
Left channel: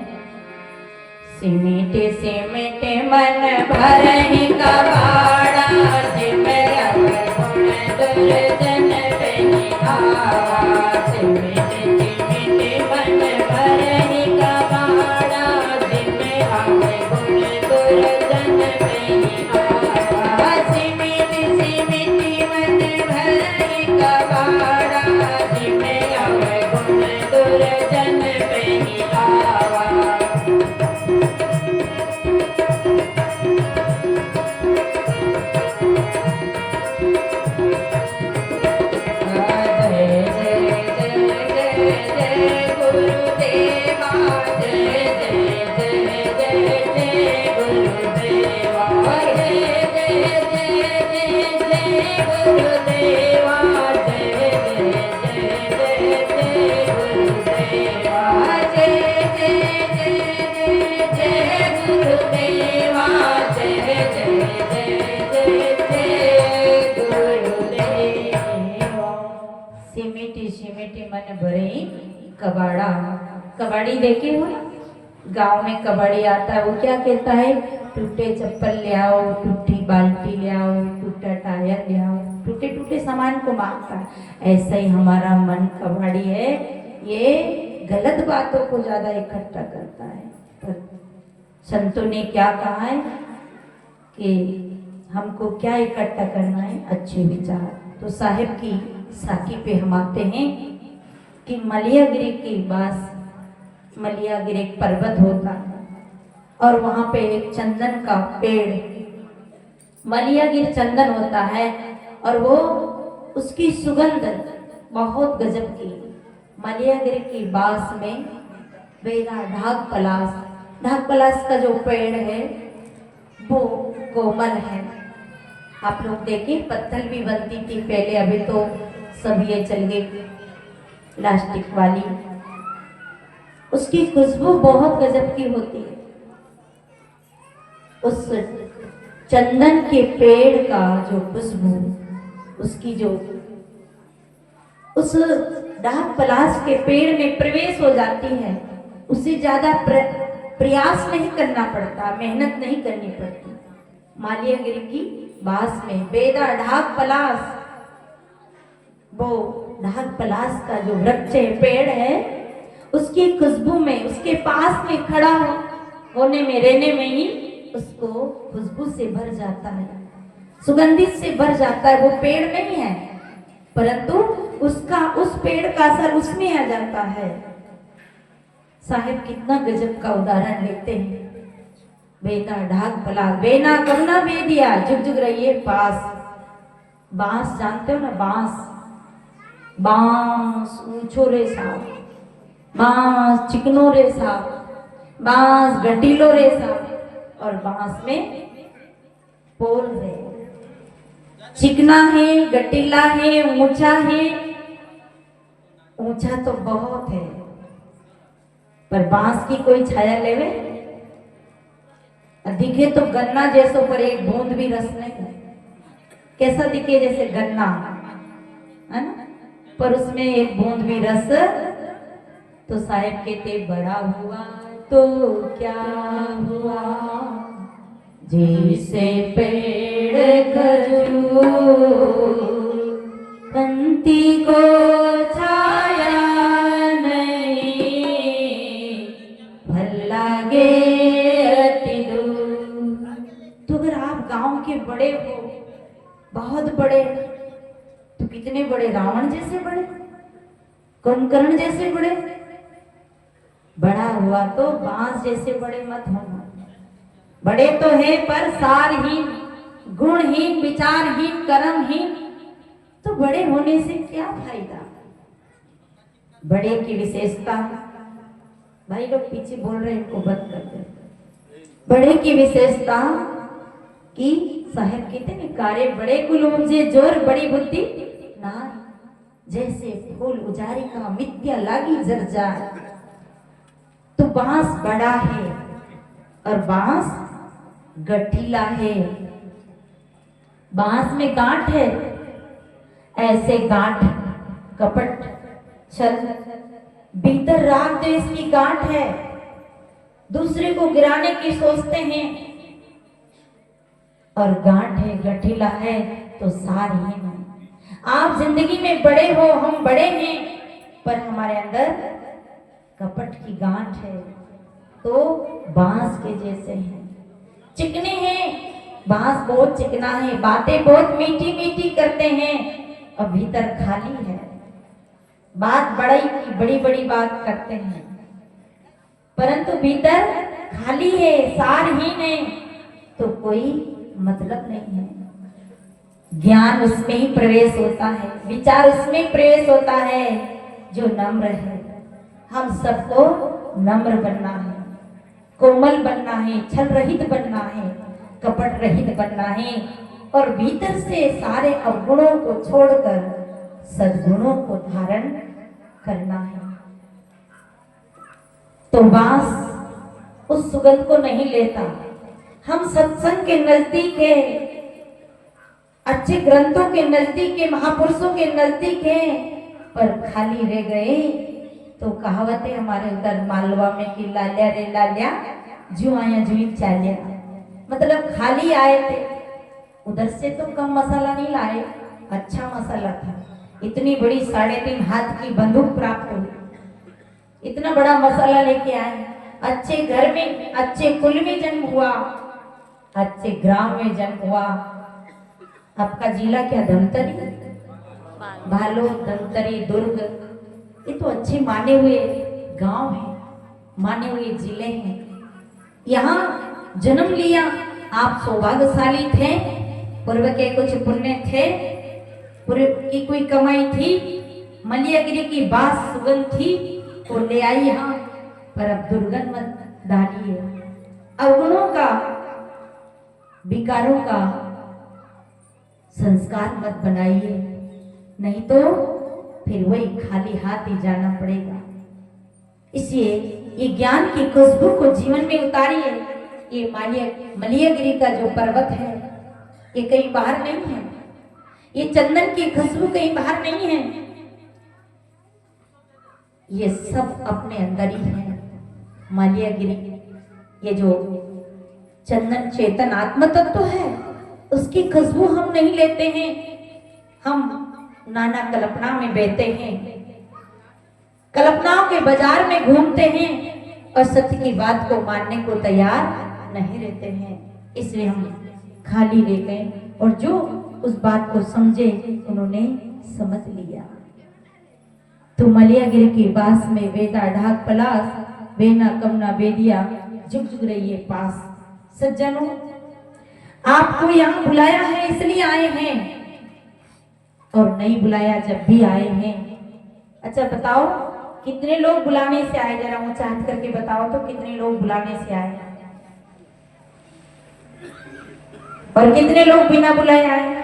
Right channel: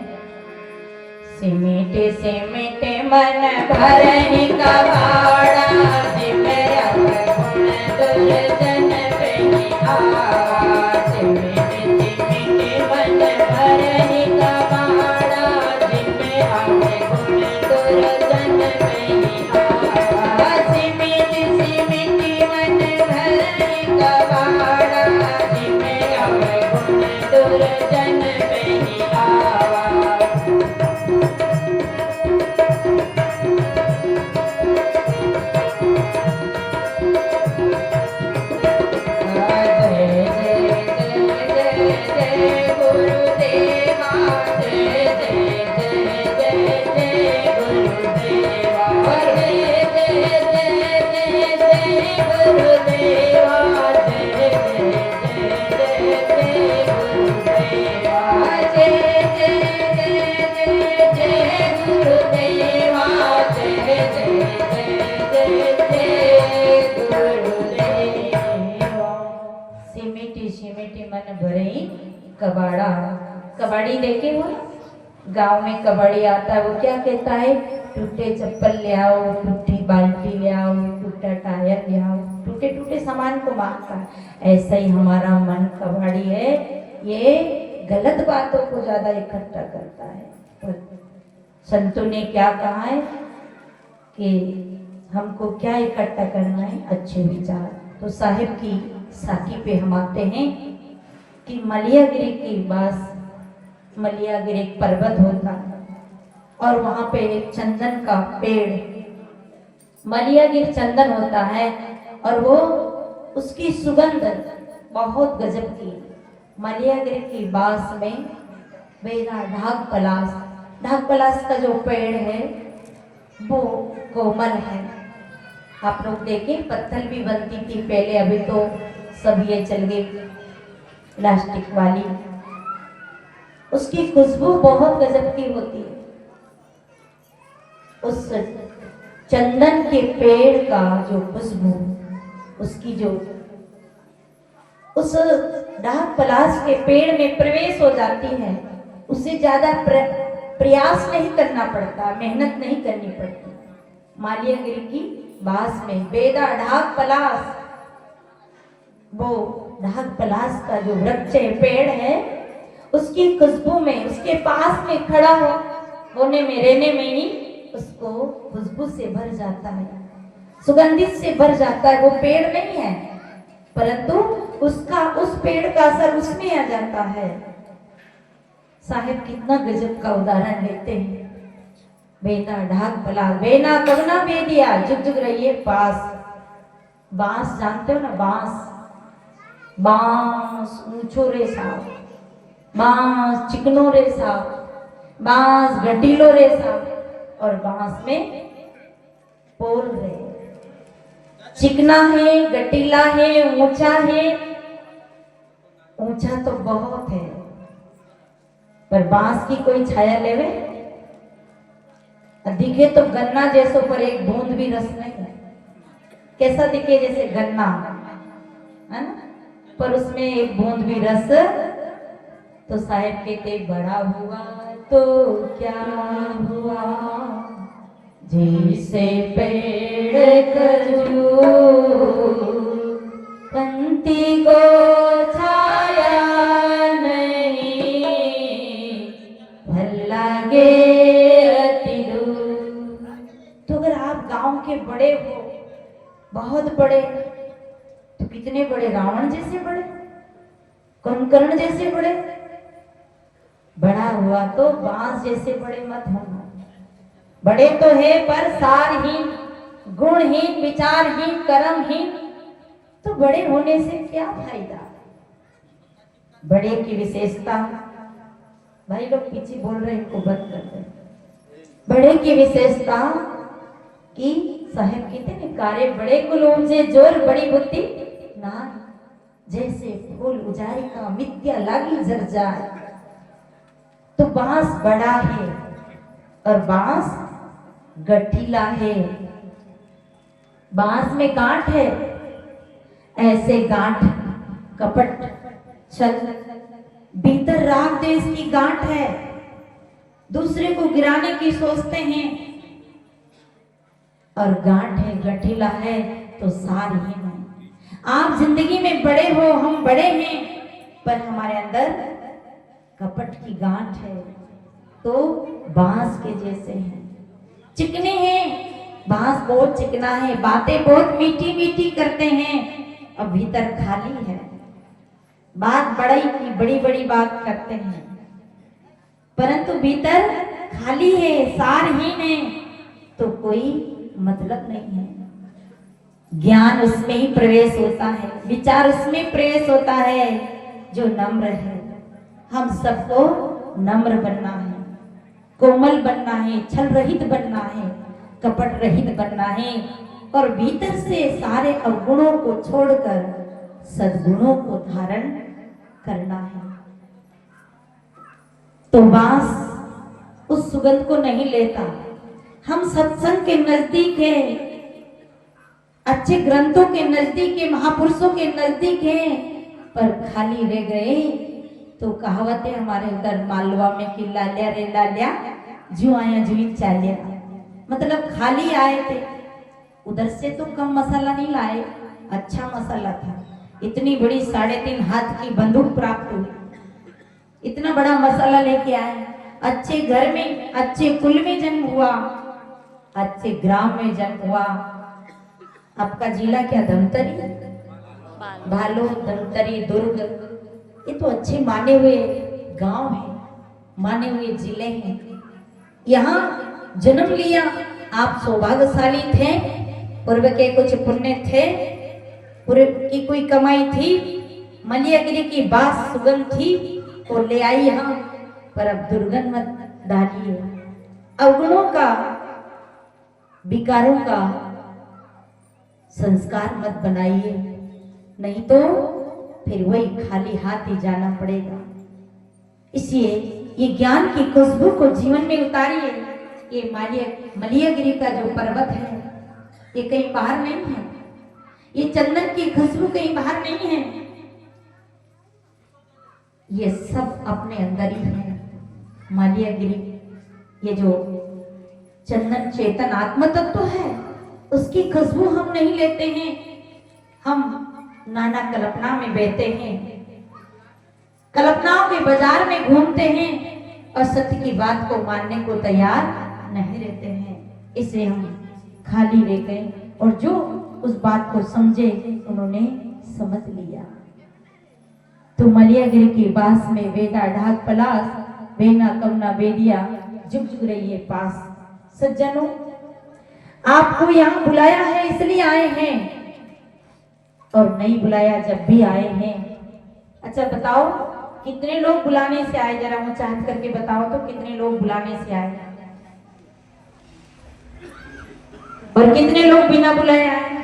सिमटे सिमटे मन भरहि कबाड़ा, सिमटे दुर्जन पहिया, सिमटे सिमटे मन भरहि कबाड़ा, सिमटे दुर्जन पहिया, सिमटे सिमटे मन भरहि कबाड़ा, सिमटे दुर्जन पहिया। मन भरहि कबाड़ा। कबाड़ी देखे हो, गांव में कबाड़ी आता है, वो क्या कहता है, टूटे चप्पल ले आओ, टूटी बाल्टी ले आओ, टूटा टायर ले आओ, टूटे टूटे सामान को मांगता है। ऐसा ही हमारा मन कबाड़ी है, ये गलत बातों को ज्यादा इकट्ठा करता है। पर संतों ने क्या कहा है कि हमको क्या इकट्ठा करना है, अच्छे विचार। तो साहिब की साकी पे हम आते हैं कि मलियागिरी के पास मलियागिरी एक पर्वत होता है और वहां पे एक चंदन का पेड़, मलियागिरी चंदन होता है और वो उसकी सुगंध बहुत गजब की। मलियागिरी की बास में बेरा ढाक पलास का जो पेड़ है वो कोमल है। आप लोग देखिए पत्थर भी बनती थी पहले, अभी तो सब ये चल गई प्लास्टिक वाली। उसकी खुशबू बहुत गजब की होती है। उस चंदन के पेड़ का जो खुशबू, उसकी जो उस डाक पलाश के पेड़ में प्रवेश हो जाती है, उसे ज्यादा प्रयास नहीं करना पड़ता, मेहनत नहीं करनी पड़ती। मालियागिरी की बास में बेदा ढाक पलाश, वो ढाक पलाश का जो वृक्ष है, पेड़ है, उसकी खुशबू में, उसके पास में खड़ा होने में, रहने में ही उसको खुशबू से भर जाता है, सुगंधित से भर जाता है। वो पेड़ नहीं है परंतु उसका, उस पेड़ का असर उसमें आ जाता है। साहिब कितना गजब का उदाहरण लेते हैं। बेना ढाक पलाश, बेना कवना बेदिया, जुग जुग रहिए पास। बांस जानते हो ना, बांस ऊंचो रे साहब, बांस चिकनो रे साहब, बांस गटीलो रे साहब, और बांस में पोल है, चिकना है, गटीला है, ऊंचा है। ऊंचा तो बहुत है पर बांस की कोई छाया लेवे, दिखे तो गन्ना जैसो पर एक बूंद भी रस नहीं। कैसा दिखे, जैसे गन्ना है ना, पर उसमें एक बूंद भी रस। तो साहिब कहते बड़ा हुआ तो क्या हुआ, जैसे पेड़ खजूर कंती को छाया नहीं, भल लागे अति दूर। तो अगर आप गांव के बड़े हो, बहुत बड़े, तो कितने बड़े, रावण जैसे बड़े, कुंभकर्ण जैसे बड़े, बड़ा हुआ तो बांस जैसे बड़े मत होना। बड़े तो है पर सारहीन, गुणहीन, विचारहीन, कर्महीन, तो बड़े होने से क्या फायदा। बड़े की विशेषता, भाई लोग पीछे बोल रहे हैं, इनको बंद कर दे। बड़े की विशेषता कि साहेब कहते हैं कार्य बड़े कुल से जोर बड़ी बुद्धि ना, जैसे फूल उजारी का मिथ्या लागी जर्जार। तो बांस बड़ा है और बांस गठीला है, बांस में गांठ है, ऐसे गांठ कपट छल भीतर राग देश की गांठ है, दूसरे को गिराने की सोचते हैं, और गांठ है, गठीला है तो सारहीन है। आप जिंदगी में बड़े हो, हम बड़े हैं, पर हमारे अंदर कपट की गांठ है, तो बांस के जैसे हैं, चिकने हैं, बांस बहुत चिकना है, बातें बहुत मीठी मीठी करते हैं और भीतर खाली है। बात बड़ी की बड़ी बड़ी बात करते हैं, परंतु भीतर खाली है, सारहीन है, तो कोई मतलब नहीं है। ज्ञान उसमें ही प्रवेश होता है, विचार उसमें प्रवेश होता है जो नम्र है। हम सबको नम्र बनना है, कोमल बनना है, छल रहित बनना है, कपट रहित बनना है, और भीतर से सारे अवगुणों को छोड़कर सद्गुणों को धारण करना है। तो बांस उस सुगंध को नहीं लेता। हम सत्संग के नजदीक है, अच्छे ग्रंथों के नजदीक है, महापुरुषों के नजदीक है, पर खाली रह गए तो कहावत है हमारे उधर मालवा में कि लालिया रे लालिया जू आया जू चालिया, मतलब खाली आए थे, उधर से तो कम मसाला नहीं लाए, अच्छा मसाला था। इतनी बड़ी 3.5 हाथ की बंदूक प्राप्त हुई, इतना बड़ा मसाला लेके आए, अच्छे घर में, अच्छे कुल में जन्म हुआ, अच्छे ग्राम में जन्म हुआ। आपका जिला क्या? धमतरी, भालू, धमतरी, दुर्ग, ये तो अच्छे माने हुए गांव हैं, माने हुए जिले हैं। यहाँ जन्म लिया, आप सौभाग्यशाली थे, पूर्व के कुछ पुण्य थे, पूर्व की कोई कमाई थी, मलियागिरी की बात सुगंध थी तो ले आई यहाँ, पर अब दुर्गंध मत डालिए, अवगुणों का, विकारों का संस्कार मत बनाइए, नहीं तो फिर वही खाली हाथ ही जाना पड़ेगा। इसलिए ये ज्ञान की खुशबू को जीवन में उतारिए। ये मलियागिरी का जो पर्वत है ये कहीं बाहर नहीं है, ये चंदन की खुशबू कहीं बाहर नहीं है, ये सब अपने अंदर ही है। मलियागिरी, ये जो चंदन चेतन आत्म तत्व है, उसकी खुशबू हम नहीं लेते हैं, हम नाना कल्पना में बहते हैं, कल्पनाओं के बाजार में घूमते हैं और सत्य की बात को मानने को तैयार नहीं रहते हैं। इसलिए हम खाली रहते हैं, और जो उस बात को समझे उन्होंने समझ लिया। तो मलियागिरी के पास में वेदा ढाक पलास, वेना कमना बेदिया, जुग जुग रहिए पास। सज्जनों, आपको यहाँ बुलाया है इसलिए आए हैं, और नहीं बुलाया जब भी आए हैं। अच्छा बताओ कितने लोग बुलाने से आए, जरा ऊंचा हाथ करके बताओ तो कितने लोग बुलाने से आए, और कितने लोग बिना बुलाए आए?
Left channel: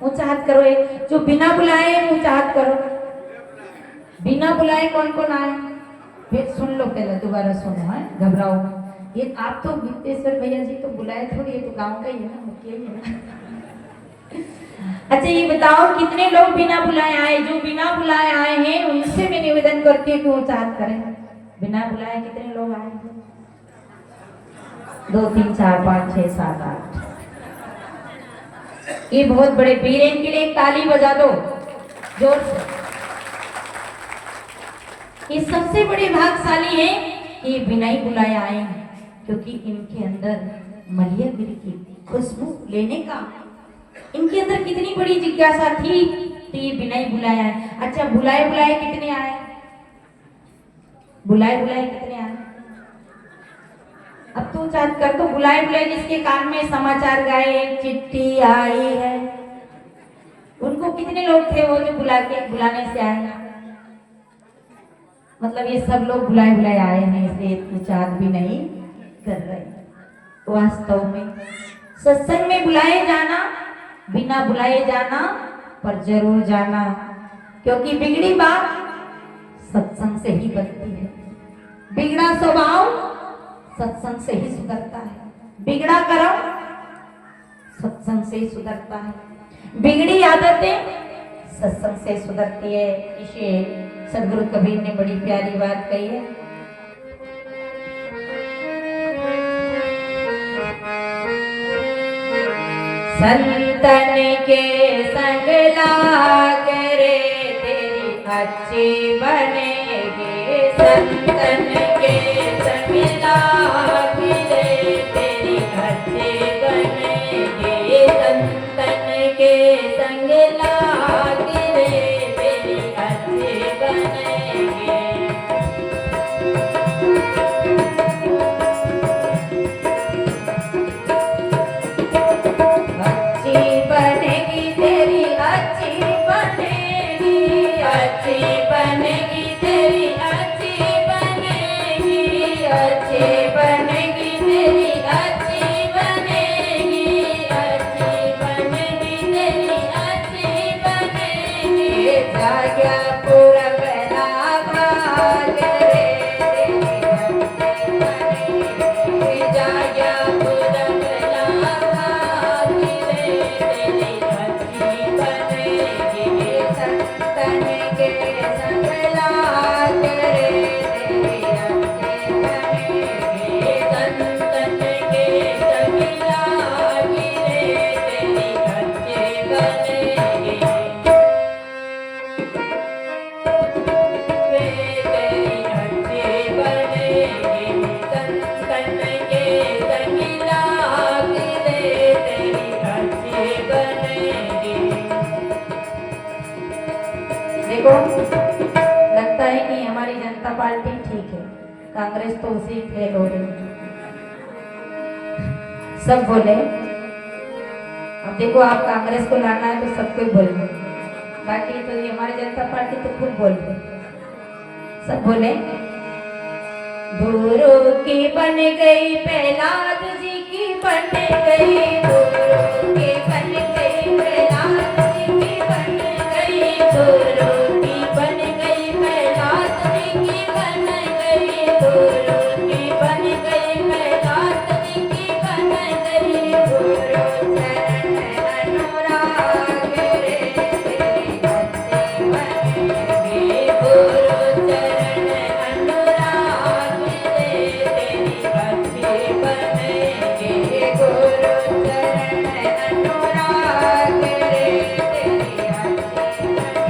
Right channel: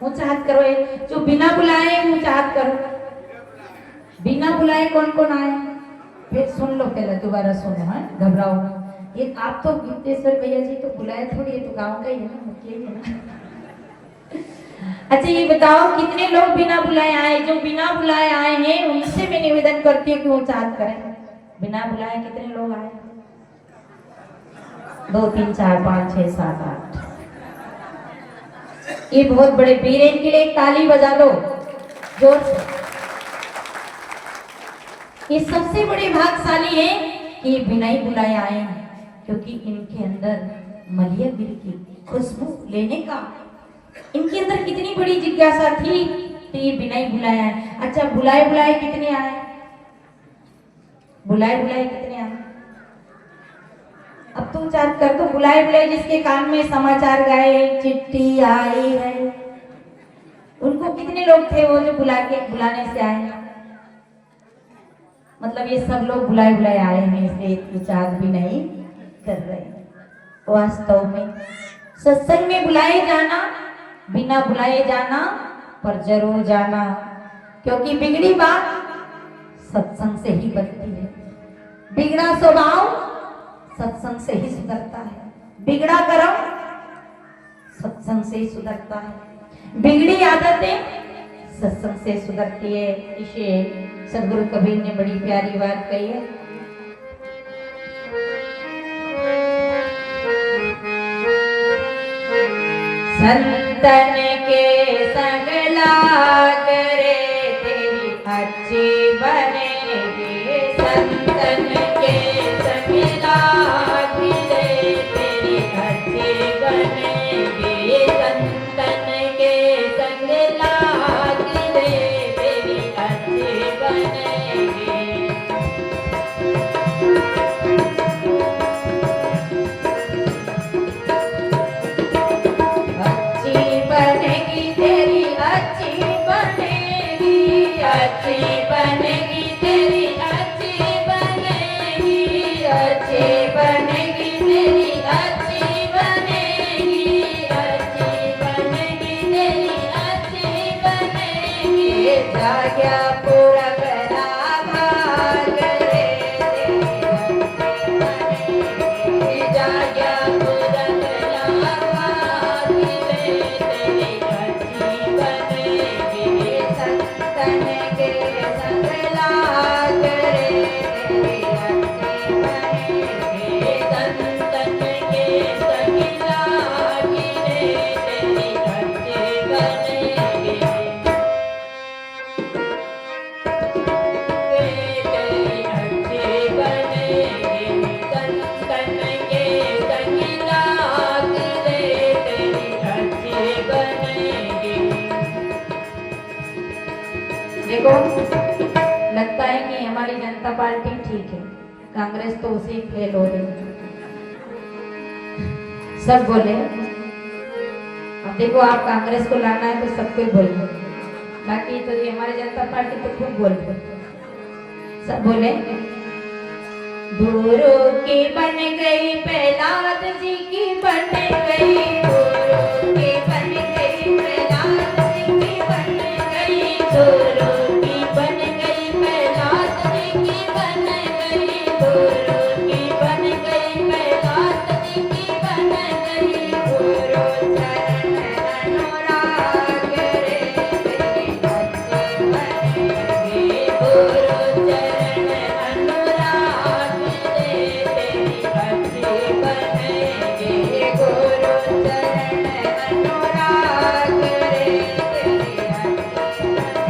ऊंचा हाथ करो, एक जो बिना बुलाए ऊंचा हाथ करो। बिना बुलाए कौन कौन आए? फिर सुन लो, पहले दोबारा सुनो, है घबराओ। ये आप तो गीतेश्वर भैया जी तो बुलाए थोड़ी, ये तो गांव का ही है ना, मुखिया ही है। अच्छा ये बताओ कितने लोग बिना बुलाए आए? जो बिना बुलाए आए हैं उनसे मैं निवेदन करती हूँ कि ऊंचा हाथ करें। बिना बुलाए कितने लोग आए? 2 3 4 5 6 7 8, ये बहुत बड़े वीर हैं, इनके लिए एक ताली बजा दो जोर से। ये सबसे बड़े भाग्यशाली हैं कि ये बिना ही बुलाए आए हैं, क्योंकि इनके अंदर मलिया गिर की खुशबू लेने का इनके अंदर कितनी बड़ी जिज्ञासा थी, तो ये बिना ही बुलाए आए। अच्छा, बुलाए बुलाए कितने आए? बुलाए बुलाए कितने आए? अब तुम चाहत कर तो बुलाए बुलाए जिसके कान में समाचार गए, चिट्ठी आई है, उनको कितने लोग थे वो जो बुलाने से आए? मतलब ये सब लोग बुलाए बुलाए आए हैं, इसलिए विचार भी नहीं कर रहे। वास्तव में सत्संग में बुलाए जाना, बिना बुलाए जाना, पर जरूर जाना, क्योंकि बिगड़ी बात सत्संग से ही बनती है। बिगड़ा स्वभाव सत्संग से ही सुधरता है, बिगड़ा कर्म सत्संग से ही सुधरता है, बिगड़ी आदतें सत्संग से सुधरती है। इसे सदगुरु कबीर ने बड़ी प्यारी बात कही है। संतन के संग लाग रे तेरी अच्छी बनेगी, संतन के संग लाग रे तेरी अच्छी बनेगी, संतन के संग लाग रे तेरी अच्छी बनेगी। देखो, लगता है कि हमारी जनता पार्टी ठीक है, कांग्रेस तो उसी फेल हो रही है। सब बोले, अब देखो आप कांग्रेस को लाना है तो सब कोई बोले, बाकी तो ये हमारी जनता पार्टी तो खूब बोलते। सब बोले दूरों की बन गई प्रहलाद जी की बन गई, दूरों की बन गई प्रहलाद जी की बन गई, दूरों की बन गई प्रहलाद जी की बन गई, दूरों की बन गई प्रहलाद जी की बन गई, दूरों चरण अनुराग रे तेरी अच्छी बनेगी, दूरों चरण अनुराग रे तेरी अच्छी बनेगी, गुरु चरण अनुराग रे तेरी अच्छी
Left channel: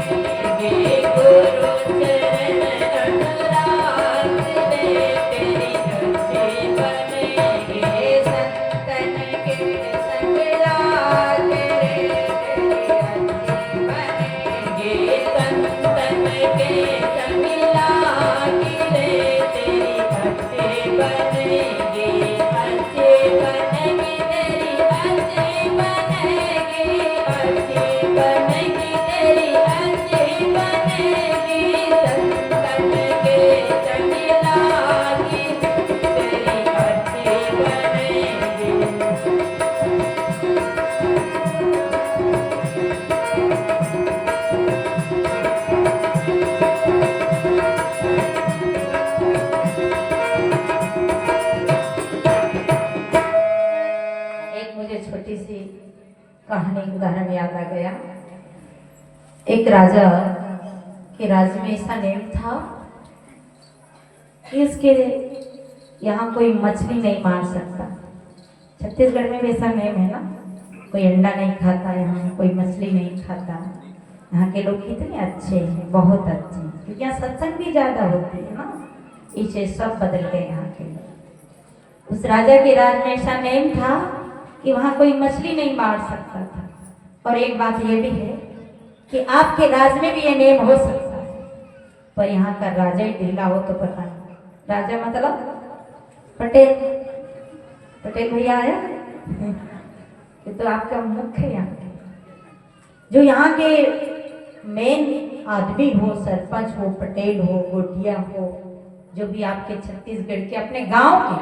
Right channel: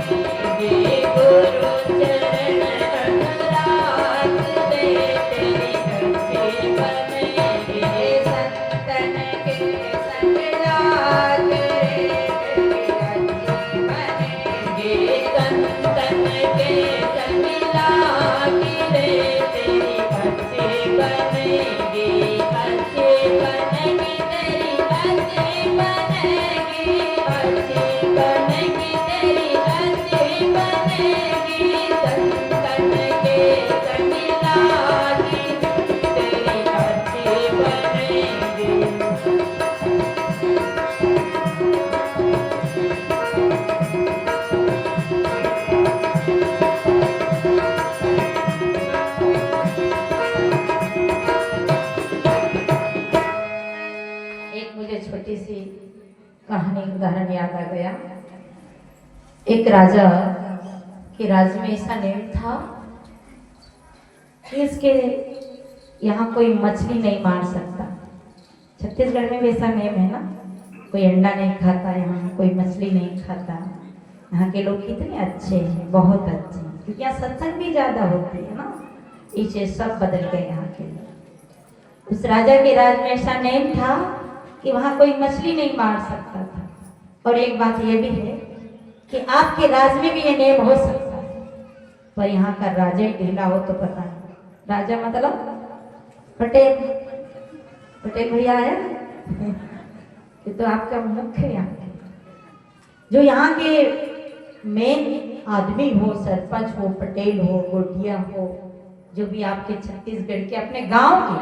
बनेगी, गुरु चरण अनुराग रे तेरी अच्छी बनेगी, संतन के संग लाग रे तेरी अच्छी बनेगी, संतन के संग लाग रे तेरी अच्छी बनेगी, अच्छी बनेगी तेरी अच्छी बनेगी, अच्छी बनेगी तेरी अच्छी बनेगी, संतन के संग लाग तेरी अच्छी बनेगी। एक मुझे छोटी सी कहानी उदाहरण याद आ गया। एक राजा के राज्य में ऐसा नियम था कि इसके यहाँ कोई मछली नहीं मार सकता, छत्तीसगढ़ में वैसा नेम है ना, कोई अंडा नहीं खाता यहाँ, कोई मछली नहीं खाता। यहाँ के लोग कितने अच्छे हैं, बहुत अच्छे हैं, क्योंकि यहाँ सत्संग भी ज्यादा होती है ना, इसे सब बदल गए यहाँ के लोग। उस राजा के राज में ऐसा नेम था कि वहाँ कोई मछली नहीं मार सकता था। और एक बात ये भी है कि आपके राज में भी ये नेम हो सकता है, पर यहाँ का राजा ही ढीला हो तो पता नहीं। राजा मतलब पटेल, पटेल भैया आया ये तो आपका मुख्य है। जो यहाँ के मेन आदमी हो, सरपंच हो, पटेल हो, गोटिया हो, जो भी आपके छत्तीसगढ़ के अपने गांव के,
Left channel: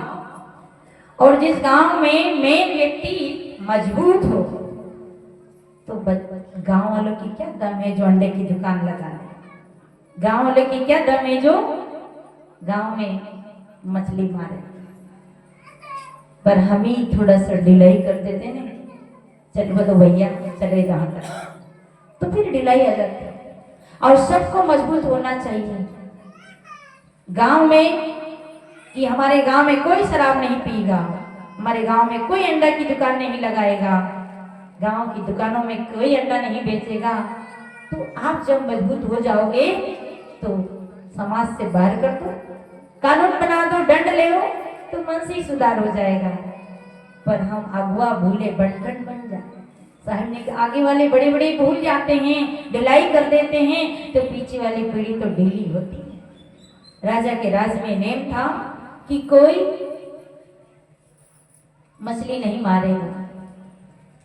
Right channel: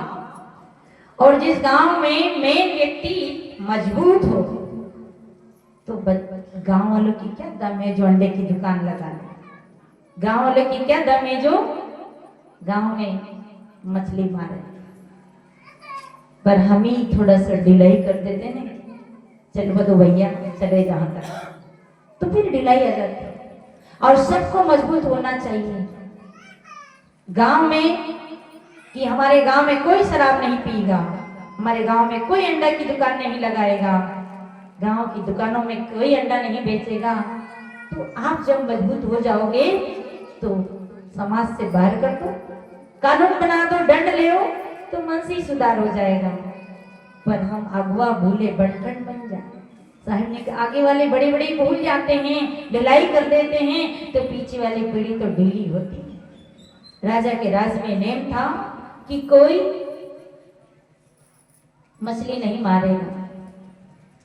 और जिस गांव में मेन व्यक्ति मजबूत हो, तो गांव वालों की क्या दम है जो अंडे की दुकान लगा रहे। गांव वालों की क्या दम है जो गांव में मछली मारे। पर हम ही थोड़ा सा डिलाई कर देते ना, चल बदो भैया चले जहां तक, तो फिर ढिलाई आ जाती है। और सबको मजबूत होना चाहिए गांव में, कि हमारे गांव में कोई शराब नहीं पीगा, हमारे गांव में कोई अंडा की दुकान नहीं लगाएगा, गांव की दुकानों में कोई अंडा नहीं बेचेगा। तो आप जब मजबूत हो जाओगे तो समाज से बाहर कर दो, कानून बना दो, दंड ले लो, तो मन से ही सुधार हो जाएगा। पर हम अगुआ भूले बंटन बन जाए। साहब ने आगे वाले बड़े बड़े भूल जाते हैं, ढिलाई कर देते हैं, तो पीछे वाली पीढ़ी तो ढीली होती है। राजा के राज में नेम था कि कोई मछली नहीं मारेगा,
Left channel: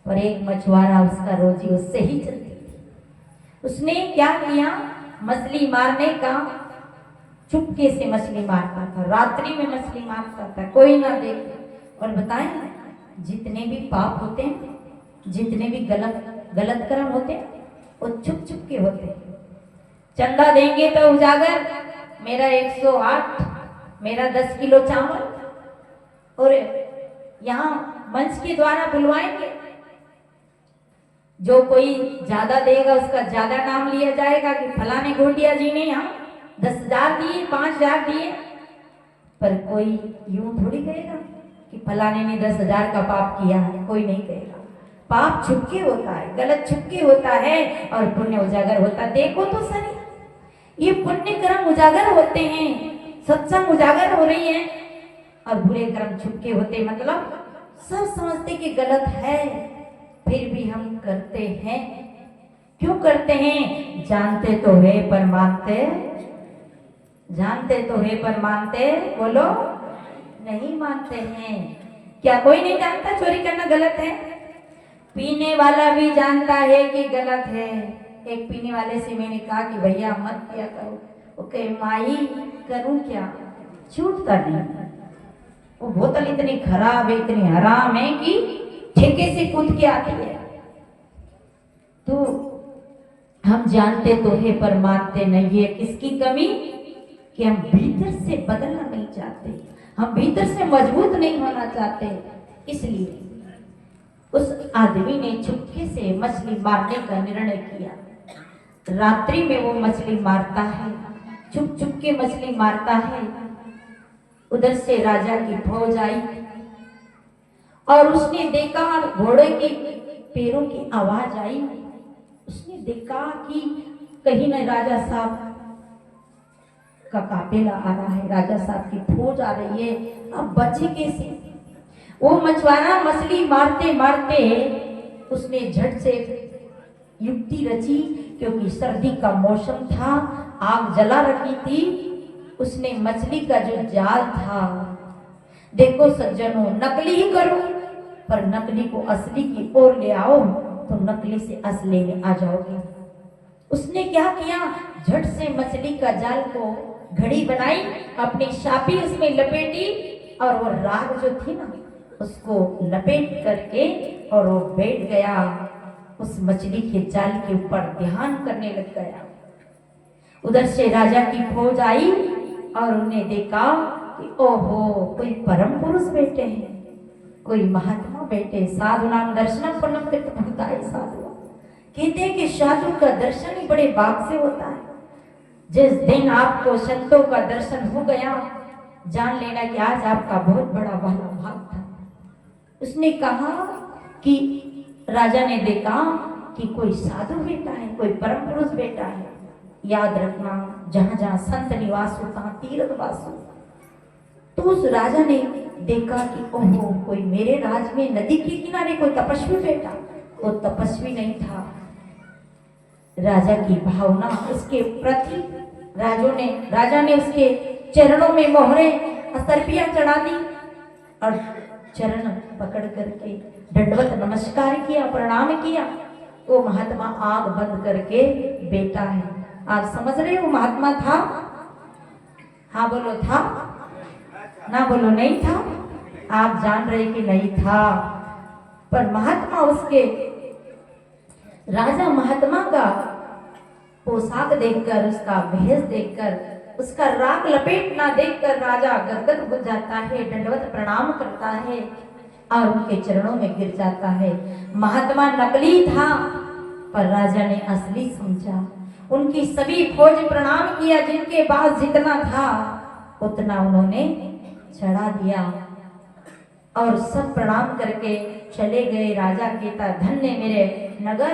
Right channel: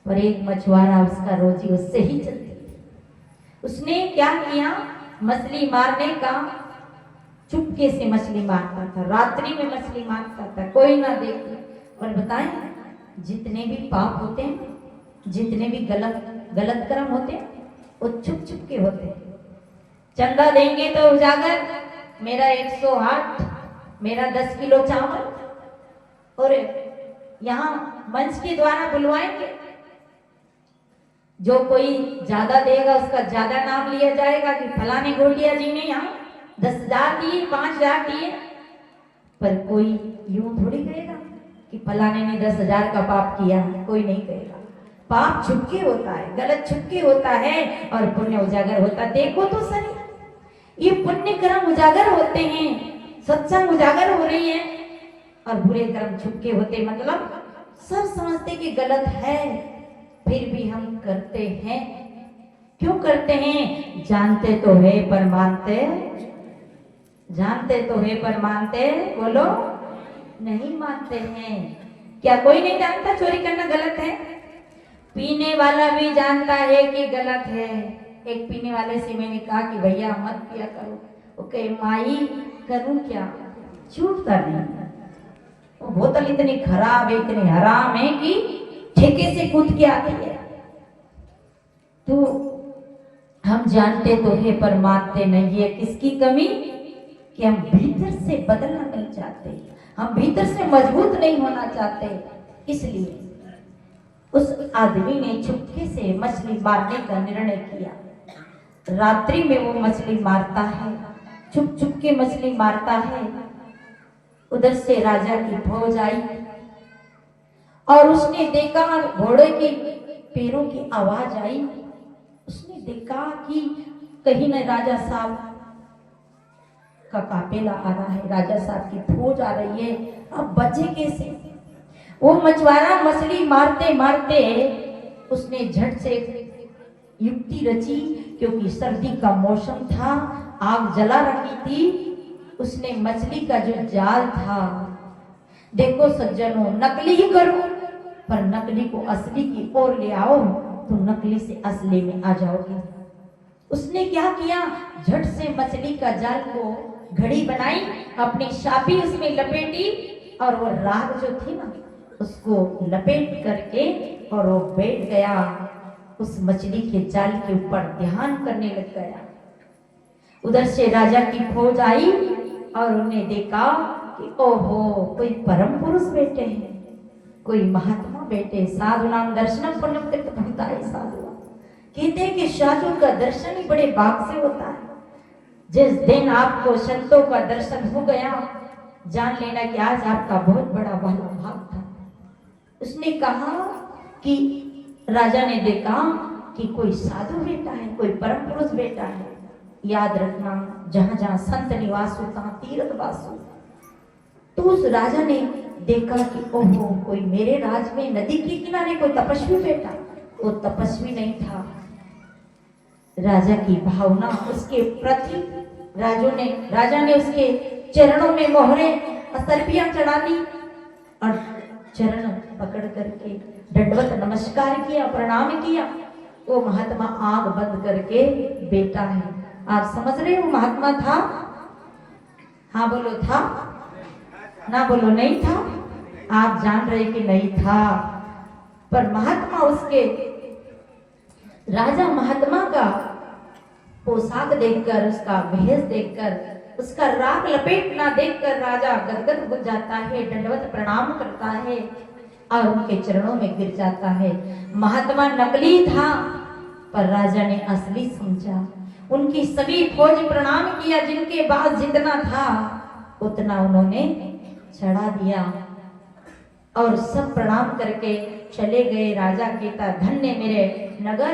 पर एक मछुआरा, उसका रोजी उससे ही चलती थी। उसने क्या किया, मछली मारने का चुपके से मछली मारता था, रात्रि में मछली मारता था, कोई ना देखे। और बताएं, जितने भी पाप होते हैं, जितने भी गलत कर्म होते हैं, वो छुप छुप के होते हैं। चंदा देंगे तो उजागर, मेरा 108, मेरा 10 किलो चावल, और यहाँ मंच के द्वारा बुलवाएंगे, जो कोई ज्यादा देगा उसका ज्यादा नाम लिया जाएगा कि फलाने गोटिया जी ने यहाँ 10,000 दिए, 5,000 दिए। पर कोई यूं थोड़ी कहेगा कि फलाने ने 10,000 का पाप किया, कोई नहीं कहेगा। पाप छुपके होता है, गलत छुपके होता है, और पुण्य उजागर होता है। देखो तो सही, ये पुण्य कर्म उजागर होते हैं, सत्संग उजागर हो रही है, और बुरे कर्म छुपके होते, मतलब सब समझते कि गलत है, फिर भी हम करते हैं। क्यों करते हैं? जानते तो है पर मानते, जानते तो है पर मानते, बोलो नहीं मानते हैं। क्या कोई नहीं जानता चोरी करना गलत है? पीने वाला भी जानता है कि गलत है। एक पीने वाले से मैंने कहा कि भैया मत पिया करो, वो कहे माई करूं क्या, छूटता नहीं। वो बोतल इतनी खराब है, इतनी हराम है कि ठेके से कूद के आती है। तो हम जानते तो है पर मानते नहीं है। किसकी कमी? कि हम भीतर से बदलना नहीं चाहते, हम भीतर से मजबूत नहीं होना चाहते। इसलिए उस आदमी ने चुपके से मछली मारने का निर्णय किया। रात्रि में वो मछली मारता है, चुप चुप के मछली मारता है। उधर से राजा की फौज आई और उसने देखा घोड़े के पैरों की आवाज आई। उसने देखा कि कहीं न राजा साहब का काफिला आ रहा है, राजा साहब की फौज आ रही है। अब बचे कैसे? वो मछुआरा मछली मारते मारते उसने झट से युक्ति रची, क्योंकि सर्दी का मौसम था, आग जला रखी थी। उसने मछली का जो जाल था, देखो सज्जनों, नकली ही करो पर नकली को असली की ओर ले आओ तो नकली से असली में आ जाओगे। उसने क्या किया, झट से मछली का जाल को घड़ी बनाई, अपनी शापी उसमें लपेटी और वो राग जो थी ना उसको लपेट करके और वो बैठ गया, उस मछली के जाल के ऊपर ध्यान करने लग गया। उधर से राजा की फौज आई और उन्हें देखा कि ओहो, कोई परम पुरुष बैठे हैं, कोई महात्मा बैठे। साधु नाम दर्शनम पुण्यम कृतभूताय साधु। कहते हैं कि साधु का दर्शन ही बड़े भाग से होता है। जिस दिन आपको संतों का दर्शन हो गया, जान लेना कि आज आपका बहुत बड़ा भाग था। उसने कहा कि राजा ने देखा कि कोई साधु बेटा है, कोई परम पुरुष बेटा है। याद रखना, जहां जहां संत निवास हो तहां तीर्थ वास हो। तो उस राजा ने देखा कि ओहो, कोई मेरे राज में नदी के किनारे कोई तपस्वी बेटा। वो तपस्वी नहीं था। राजा की भावना उसके प्रति, राजा ने उसके चरणों में मोहरे असर्पियां चढ़ा दी और चरण पकड़ करके दंडवत नमस्कार किया, प्रणाम किया। वो महात्मा आंख बंद करके बेटा है। आप समझ रहे हो महात्मा था? हाँ बोलो था, ना बोलो नहीं था। आप जान रहे कि नहीं था, पर महात्मा उसके, राजा महात्मा का पोशाक देखकर, उसका भेष देखकर, उसका राग लपेटना देखकर राजा गदगद हो जाता है, दंडवत प्रणाम करता है और उनके चरणों में गिर जाता है। महात्मा नकली था पर राजा ने असली समझा। उनकी सभी फौज प्रणाम किया, जिनके पास जितना था उतना उन्होंने चढ़ा दिया और सब प्रणाम करके चले गए। राजा कहता, धन्य मेरे नगर,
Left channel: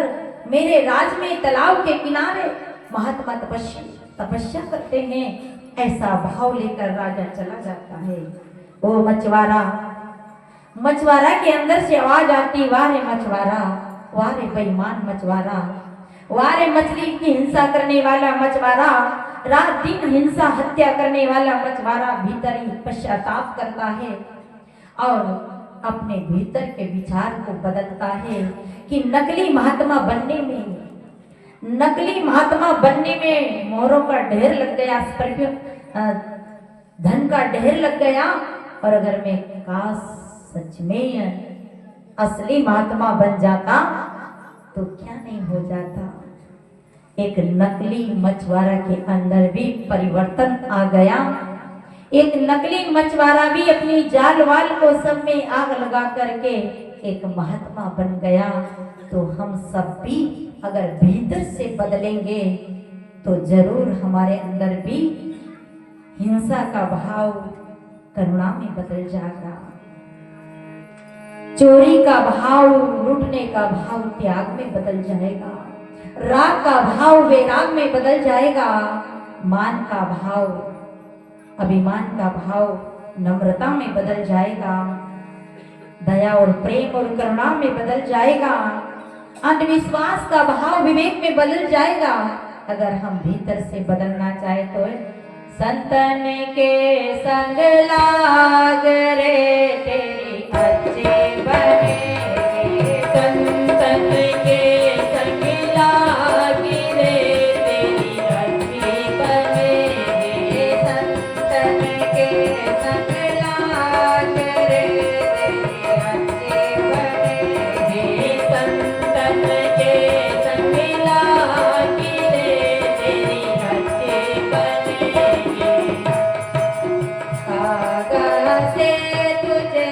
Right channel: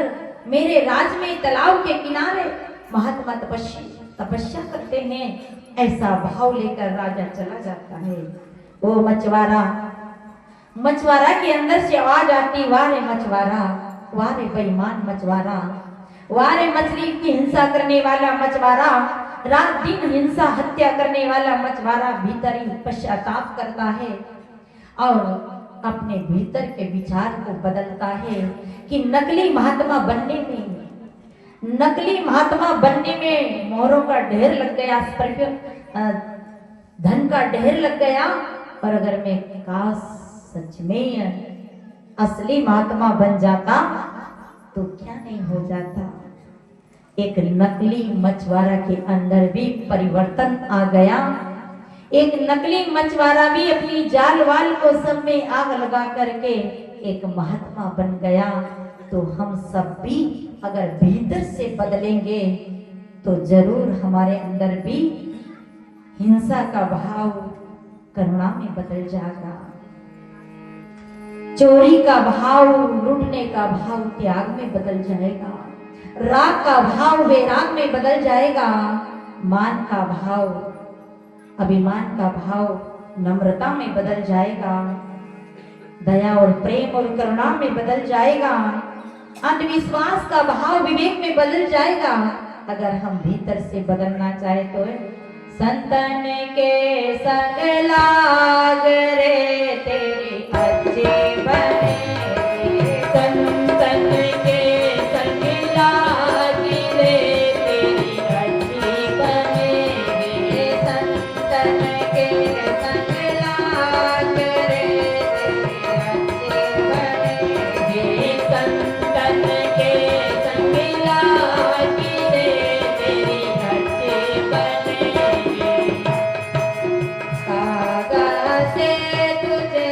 मेरे राज में तालाब के किनारे महात्मा तपस्या करते हैं। ऐसा भाव लेकर राजा चला जाता है। ओ मछुआरा, मछुआरा के अंदर से आवाज आती, वारे मछुआरा, वारे बेईमान मछुआरा, वारे मछली की हिंसा करने वाला मछुआरा, रात दिन हिंसा हत्या करने वाला मछुआरा भीतर ही पश्चाताप करता है और अपने भीतर के विचार को बदलता है कि नकली महात्मा बनने में मोहरों का ढेर लग गया, धन का ढेर लग गया। और अगर मैं काश सच में असली महात्मा बन जाता तो क्या नहीं हो जाता। एक नकली मछुआरा के अंदर भी परिवर्तन आ गया। एक नकली मछुआरा भी अपनी जाल वाल को सब में आग लगा करके एक महात्मा बन गया। तो हम सब भी अगर भीतर से बदलेंगे तो जरूर हमारे अंदर भी हिंसा का भाव करुणा में बदल जाएगा, चोरी का भाव, लूटने का भाव त्याग में बदल जाएगा, राग का भाव वैराग में बदल जाएगा, मान का भाव, अभिमान का भाव नम्रता में बदल जाएगा, दया और प्रेम और करुणा में बदल जाएगा, अंधविश्वास का भाव विवेक में बदल जाएगा। अगर हम भीतर से बदलना चाहे तो संतन के संग लाग रे तेरी अच्छे बने, संतन के संग लाग रे तेरी अच्छी बने, संतन के संग लाग रे तेरी अच्छी बने, संतन के संग लाग रे तेरी अच्छी बने। कागज से तुझे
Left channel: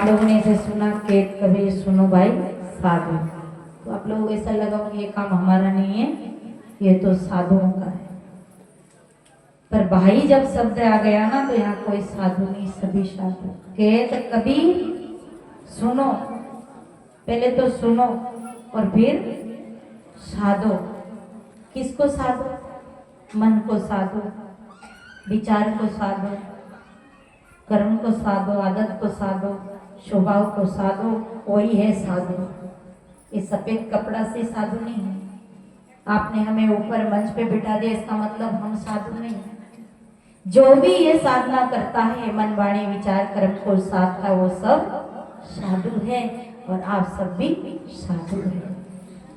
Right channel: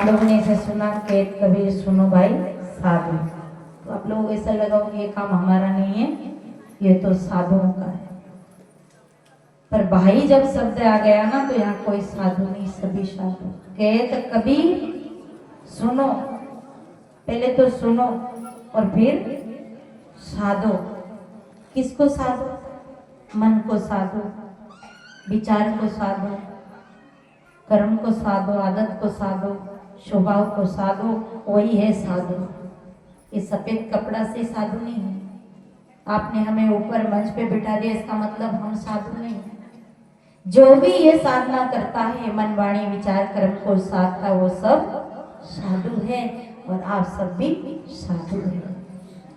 आप लोगों ने ऐसे सुना कि कभी सुनो भाई साधु, तो आप लोगों को ऐसा लगा कि ये काम हमारा नहीं है, ये तो साधुओं का है। पर भाई जब शब्द आ गया ना तो यहाँ कोई साधु नहीं, सभी साधु। कहते कभी सुनो, पहले तो सुनो और फिर साधो। किसको साधो? मन को साधो, विचार को साधो, कर्म को साधो, आदत को साधो, स्वभाव को साधो, वही है साधु। ये सफेद कपड़ा से साधु नहीं है। आपने हमें ऊपर मंच पे बिठा दिया इसका मतलब हम साधु नहीं। जो भी ये साधना करता है, मन वाणी विचार कर्म को साधता, वो सब साधु है और आप सब भी साधु हैं।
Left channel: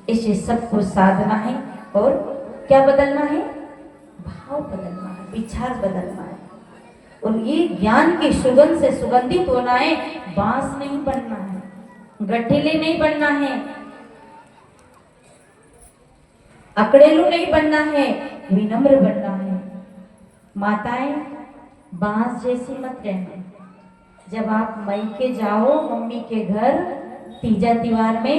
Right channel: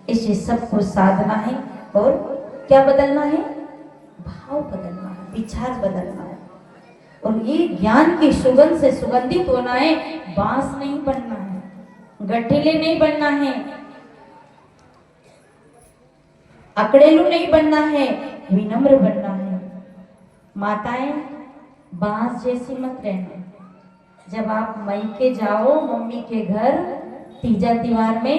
इसे सबको साधना है और क्या बदलना है? भाव बदलना है, विचार बदलना है और ये ज्ञान की सुगंध से सुगंधित होना है। बांस नहीं बनना है, गठिले नहीं बनना है, अकड़ेलू नहीं बनना है, विनम्र बनना है। माताएं बांस जैसी मत रहना। जब आप मायके जाओ मम्मी के घर तीजा त्योहार में,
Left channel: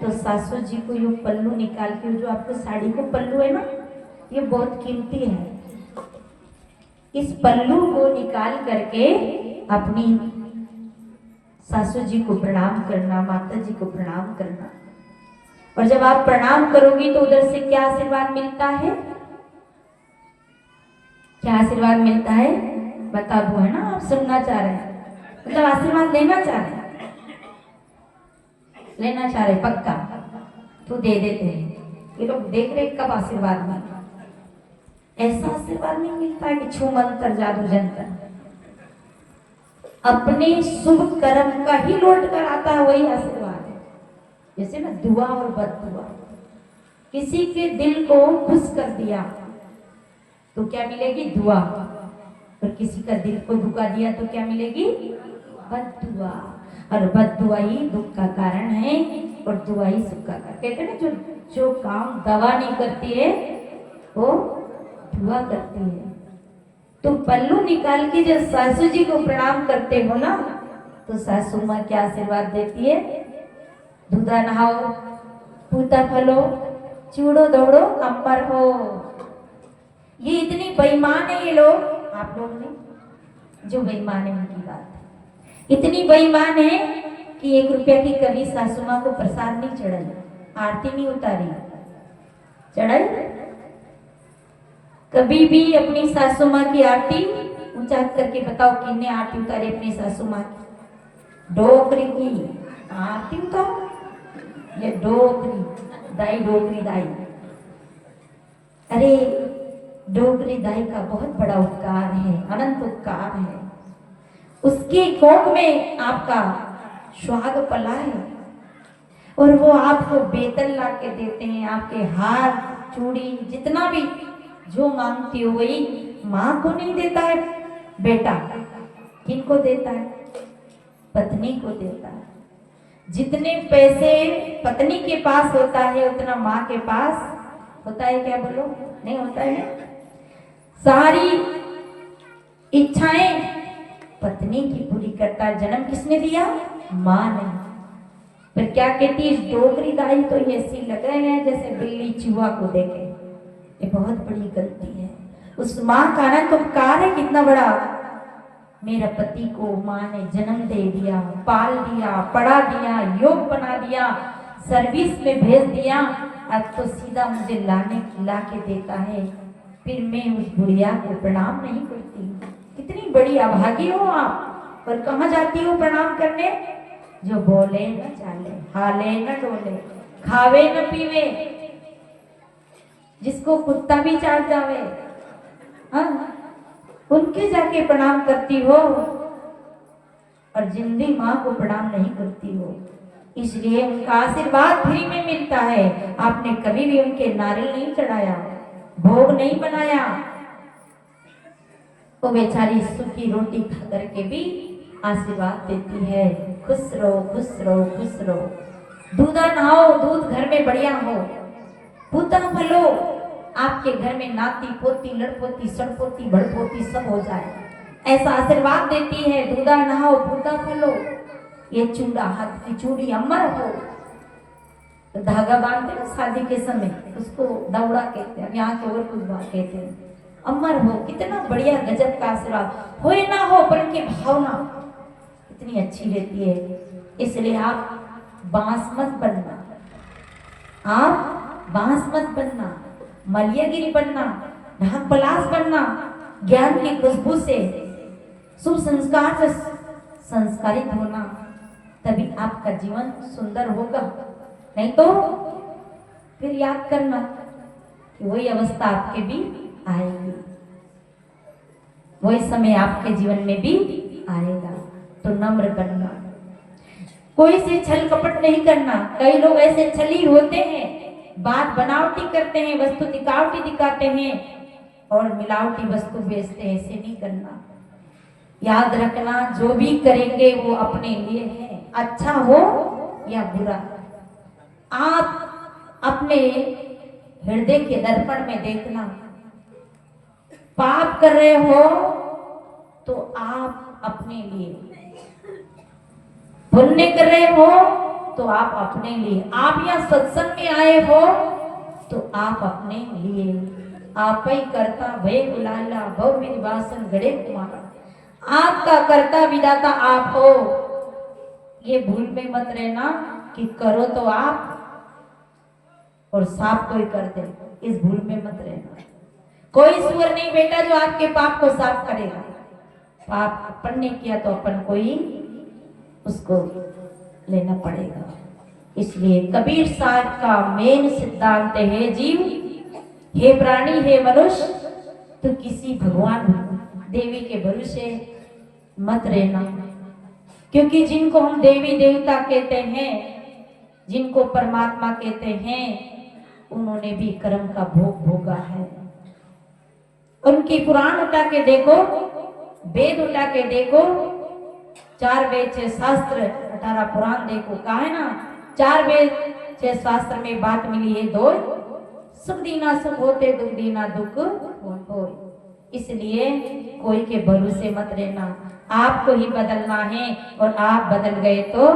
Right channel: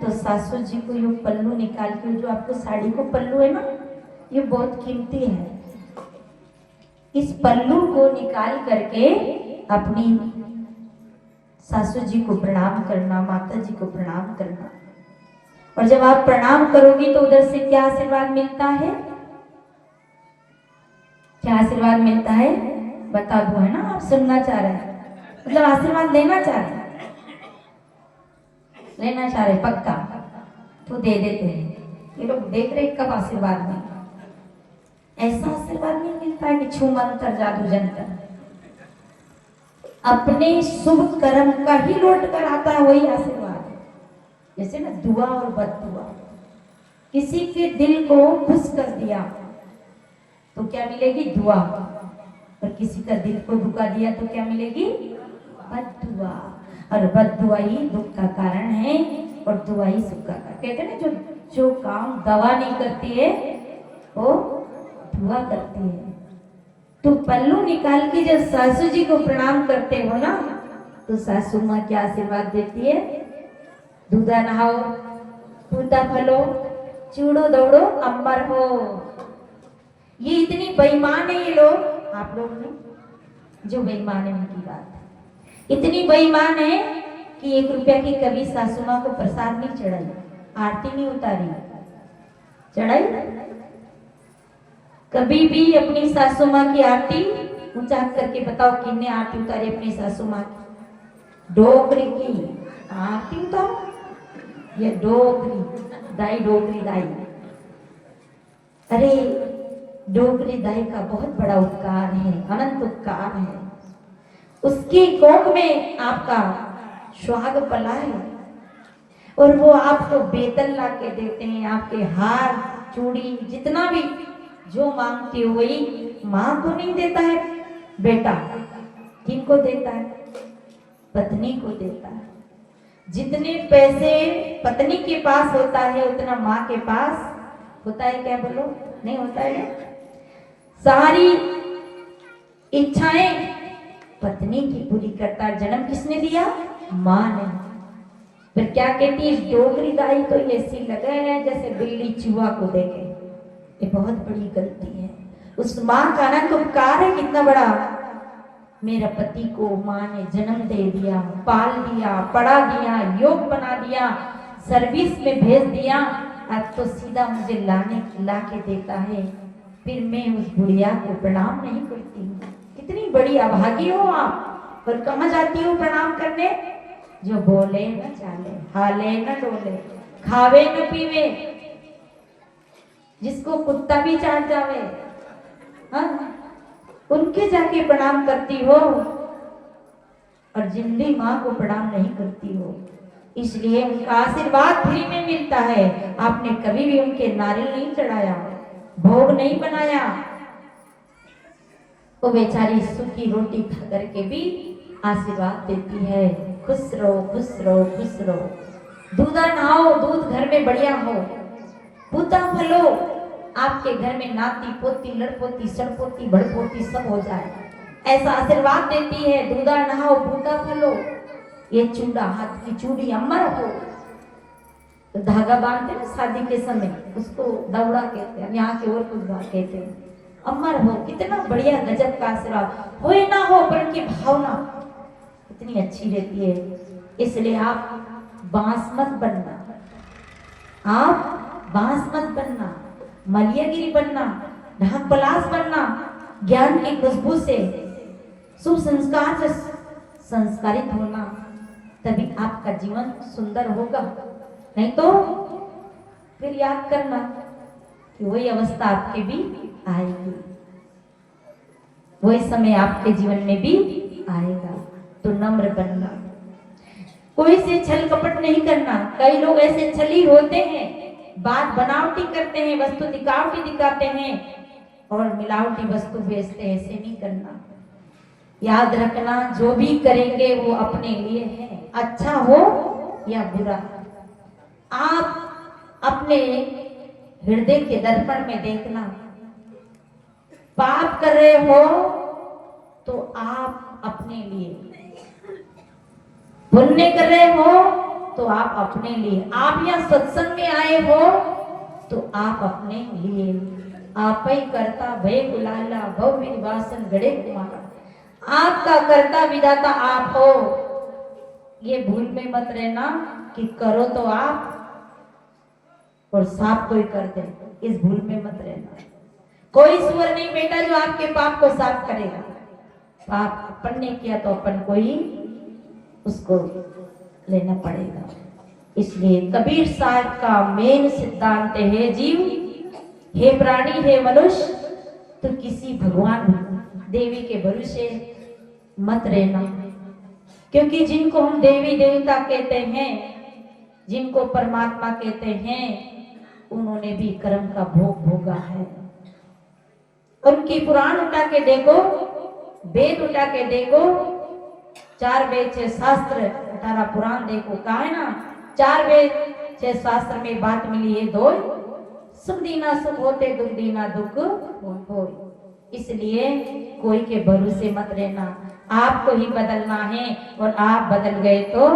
तो सासू जी को यूं पल्लू निकाल के, जो आपके साड़ी को पल्लू है ना, ये बहुत कीमती है। इस पल्लू को निकाल करके अपनी सासू जी को प्रणाम करना, माता जी को प्रणाम करना। और जब आप प्रणाम करोगी तो उधर से क्या आशीर्वाद मिलता है? क्या आशीर्वाद मिलता है? बता दो, है ना? आप सुनना चाह रहे हैं, मतलब आशीर्वाद लेना चाह रहे हैं, लेना चाह रहे पक्का तो दे देते हैं। ये लोग देख रहे कब आशीर्वाद मिलता। ऐसा आशीर्वाद नहीं मिलता है कि छू मंत्र जादू जंतर। अपने शुभ कर्म का ही लौट कर आता है वही आशीर्वाद है। जैसे ना दुआ और बददुआ, किसी के दिल को खुश कर दिया तो क्या मिलेगी? दुआ। और किसी का दिल को दुखा दिया तो क्या मिलेगी? बददुआ। और बददुआ ही दुख का कारण है और दुआ ही सुख का कारण। कहते हैं ना, जो काम दवा नहीं करती है वो दुआ करती है। तो पल्लू निकाल के जब सासू जी को प्रणाम करते हो ना, तो सासू माँ क्या आशीर्वाद देती है? दूधा नहाओ, पूता फलो, चूड़ो दौड़ो, अंबर हो। ये इतनी बेईमान है ये लोग, आप लोग नहीं, जो बेईमान है उनकी बात। इतनी बेईमान है कि 1 रुपया की कभी सासू माँ को प्रसाद नहीं चढ़ाई, आरती नहीं उतारी। चढ़ाई कभी भी अपनी सासू माँ की आरती ऊंचा करके बताओ कितने आरती उतारी अपनी सासू माँ की? डोकरी की आरती उतारो, ये डोकरी दाई, डोकरी दाई। अरे डोकरी दाई का बहुत बड़ा उपकार है, अनंत उपकार है। उसकी कोख में आपका सुहाग पला है और वो आपको वेतन ला के देते हैं। आपके हार चूड़ी जितना भी जो मांगती हो वही मां को नहीं देता है बेटा, किनको देता है? पत्नी को देता है। जितने पैसे पत्नी के पास होता है उतना मां के पास होता है क्या? बोलो, नहीं होता है। सारी इच्छाएं पत्नी की पूरी करता है। जन्म किसने दिया? मां ने। फिर क्या कहती है डोकरी दाई? तो ये ऐसी लगे है जैसे बिल्ली चूहा को देखे। ये बहुत बड़ी गलती है। उस मां का अनंत उपकार है कितना बड़ा। मेरा पति को मां ने जन्म दे दिया, पाल दिया, पढ़ा दिया, योग बना दिया, सर्विस में भेज दिया, अब तो सीधा मुझे ला के देता है। फिर मैं उस बुढ़िया को प्रणाम नहीं करती। कितनी बड़ी अभागी हो आप। और कहाँ जाती हो प्रणाम करने? जो बोले न चाले, हाले न डोले, खावे न पीवे, जिसको कुत्ता भी चाट जावे, हाँ, उनके जाके प्रणाम करती हो और जिंदी माँ को प्रणाम नहीं करती हो। इसलिए उनका आशीर्वाद फ्री में मिलता है। आपने कभी भी उनके नारियल नहीं चढ़ाया, भोग नहीं बनाया, वो बेचारी सूखी रोटी खा करके भी आशीर्वाद देती है। खुश रहो, खुश रहो, खुश रहो। दूधा नहाओ, दूध घर में बढ़िया हो, पूता फलो, आपके घर में नाती पोती लड़पोती सड़पोती बड़पोती सब हो जाए, ऐसा आशीर्वाद देती है। दूधा नहाओ, पूता फलो। ये चूड़ा हाथ की चूड़ी अमर हो। तो धागा बांधते ना शादी के समय, उसको दौड़ा कहते हैं, यहाँ के और कुछ बात कहते हैं। अमर हो, कितना बढ़िया गजब का आशीर्वाद हो ना हो, पर उनकी भावना इतनी अच्छी रहती है। इसलिए आप बांस मत बनना, आप बांस मत बनना, मलियागिरी बनना, ढाक पलास बनना। ज्ञान की खुशबू से, सुसंस्कार से संस्कारित होना, तभी आपका जीवन सुंदर होगा। नहीं तो फिर याद करना कि वही अवस्था आपके भी आएगी, वही समय आपके जीवन में भी आएगा। तो नम्र बनना, कोई से छल कपट नहीं करना। कई लोग ऐसे छली होते हैं, बात बनावटी करते हैं, वस्तु दिखावटी दिखाते हैं और मिलावटी वस्तु बेचते हैं। ऐसे नहीं करना। याद रखना, जो भी करेंगे वो अपने लिए है, अच्छा हो या बुरा। आप अपने हृदय के दर्पण में देखना, पाप कर रहे हो तो आप अपने लिए, पुण्य कर रहे हो तो आप अपने लिए, आप यहाँ सत्संग में आए हो तो आप अपने लिए। आप ही करता भय गुलाला भव विवासन गड़े कुमारा। आपका कर्ता विधाता आप हो। ये भूल में मत रहना कि करो तो आप और साफ कोई कर दे, इस भूल में मत रहना। कोई सुअर नहीं बेटा जो आपके पाप को साफ करेगा। पाप अपन ने किया तो अपन को ही उसको लेना पड़ेगा। इसलिए कबीर साहब का मेन सिद्धांत है, जीव हे प्राणी हे मनुष्य, तो किसी भगवान देवी के भरोसे मत रहना। क्योंकि जिनको हम देवी देवता कहते हैं, जिनको परमात्मा कहते हैं, उन्होंने भी कर्म का भोग भोगा है। उनकी पुराण उठा के देखो, वेद उठा के देखो, 4 वेद 6 शास्त्र 18 पुराण देखो। कहा है ना, 4 वेद 6 शास्त्र में बात मिली है, 2 सुख दीना सुख होते, दुख दीना दुख हो। इसलिए कोई के भरोसे मत रहना, आपको ही बदलना है। और आप बदल गए तो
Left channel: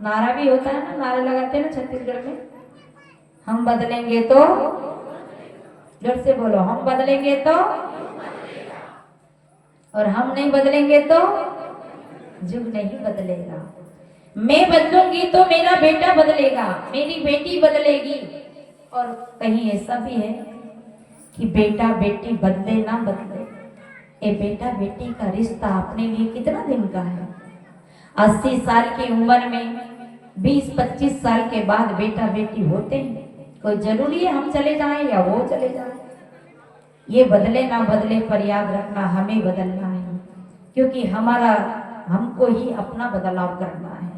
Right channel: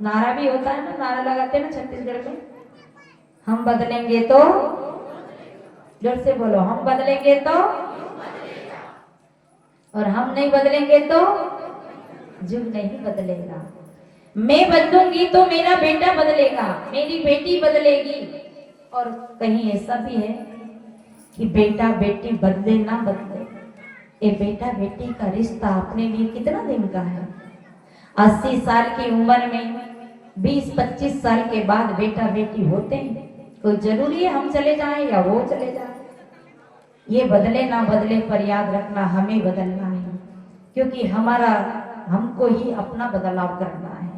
नारा भी होता है ना, नारा लगाते हैं ना छत्तीसगढ़ में, हम बदलेंगे तो, जोर से बोलो, हम बदलेंगे तो, और हम नहीं बदलेंगे तो युग नहीं बदलेगा। मैं बदलूंगी तो मेरा बेटा बदलेगा, मेरी बेटी बदलेगी। और कहीं ऐसा भी है कि बेटा बेटी बदले ना बदले, ये बेटा बेटी का रिश्ता अपने लिए कितना दिन का है। 80 साल की उम्र में 20-25 साल के बाद बेटा बेटी होते हैं। कोई जरूरी है हम चले जाएं या वो चले जाएं। ये बदले ना बदले, पर याद रखना हमें बदलना है, क्योंकि हमको ही अपना बदलाव करना है।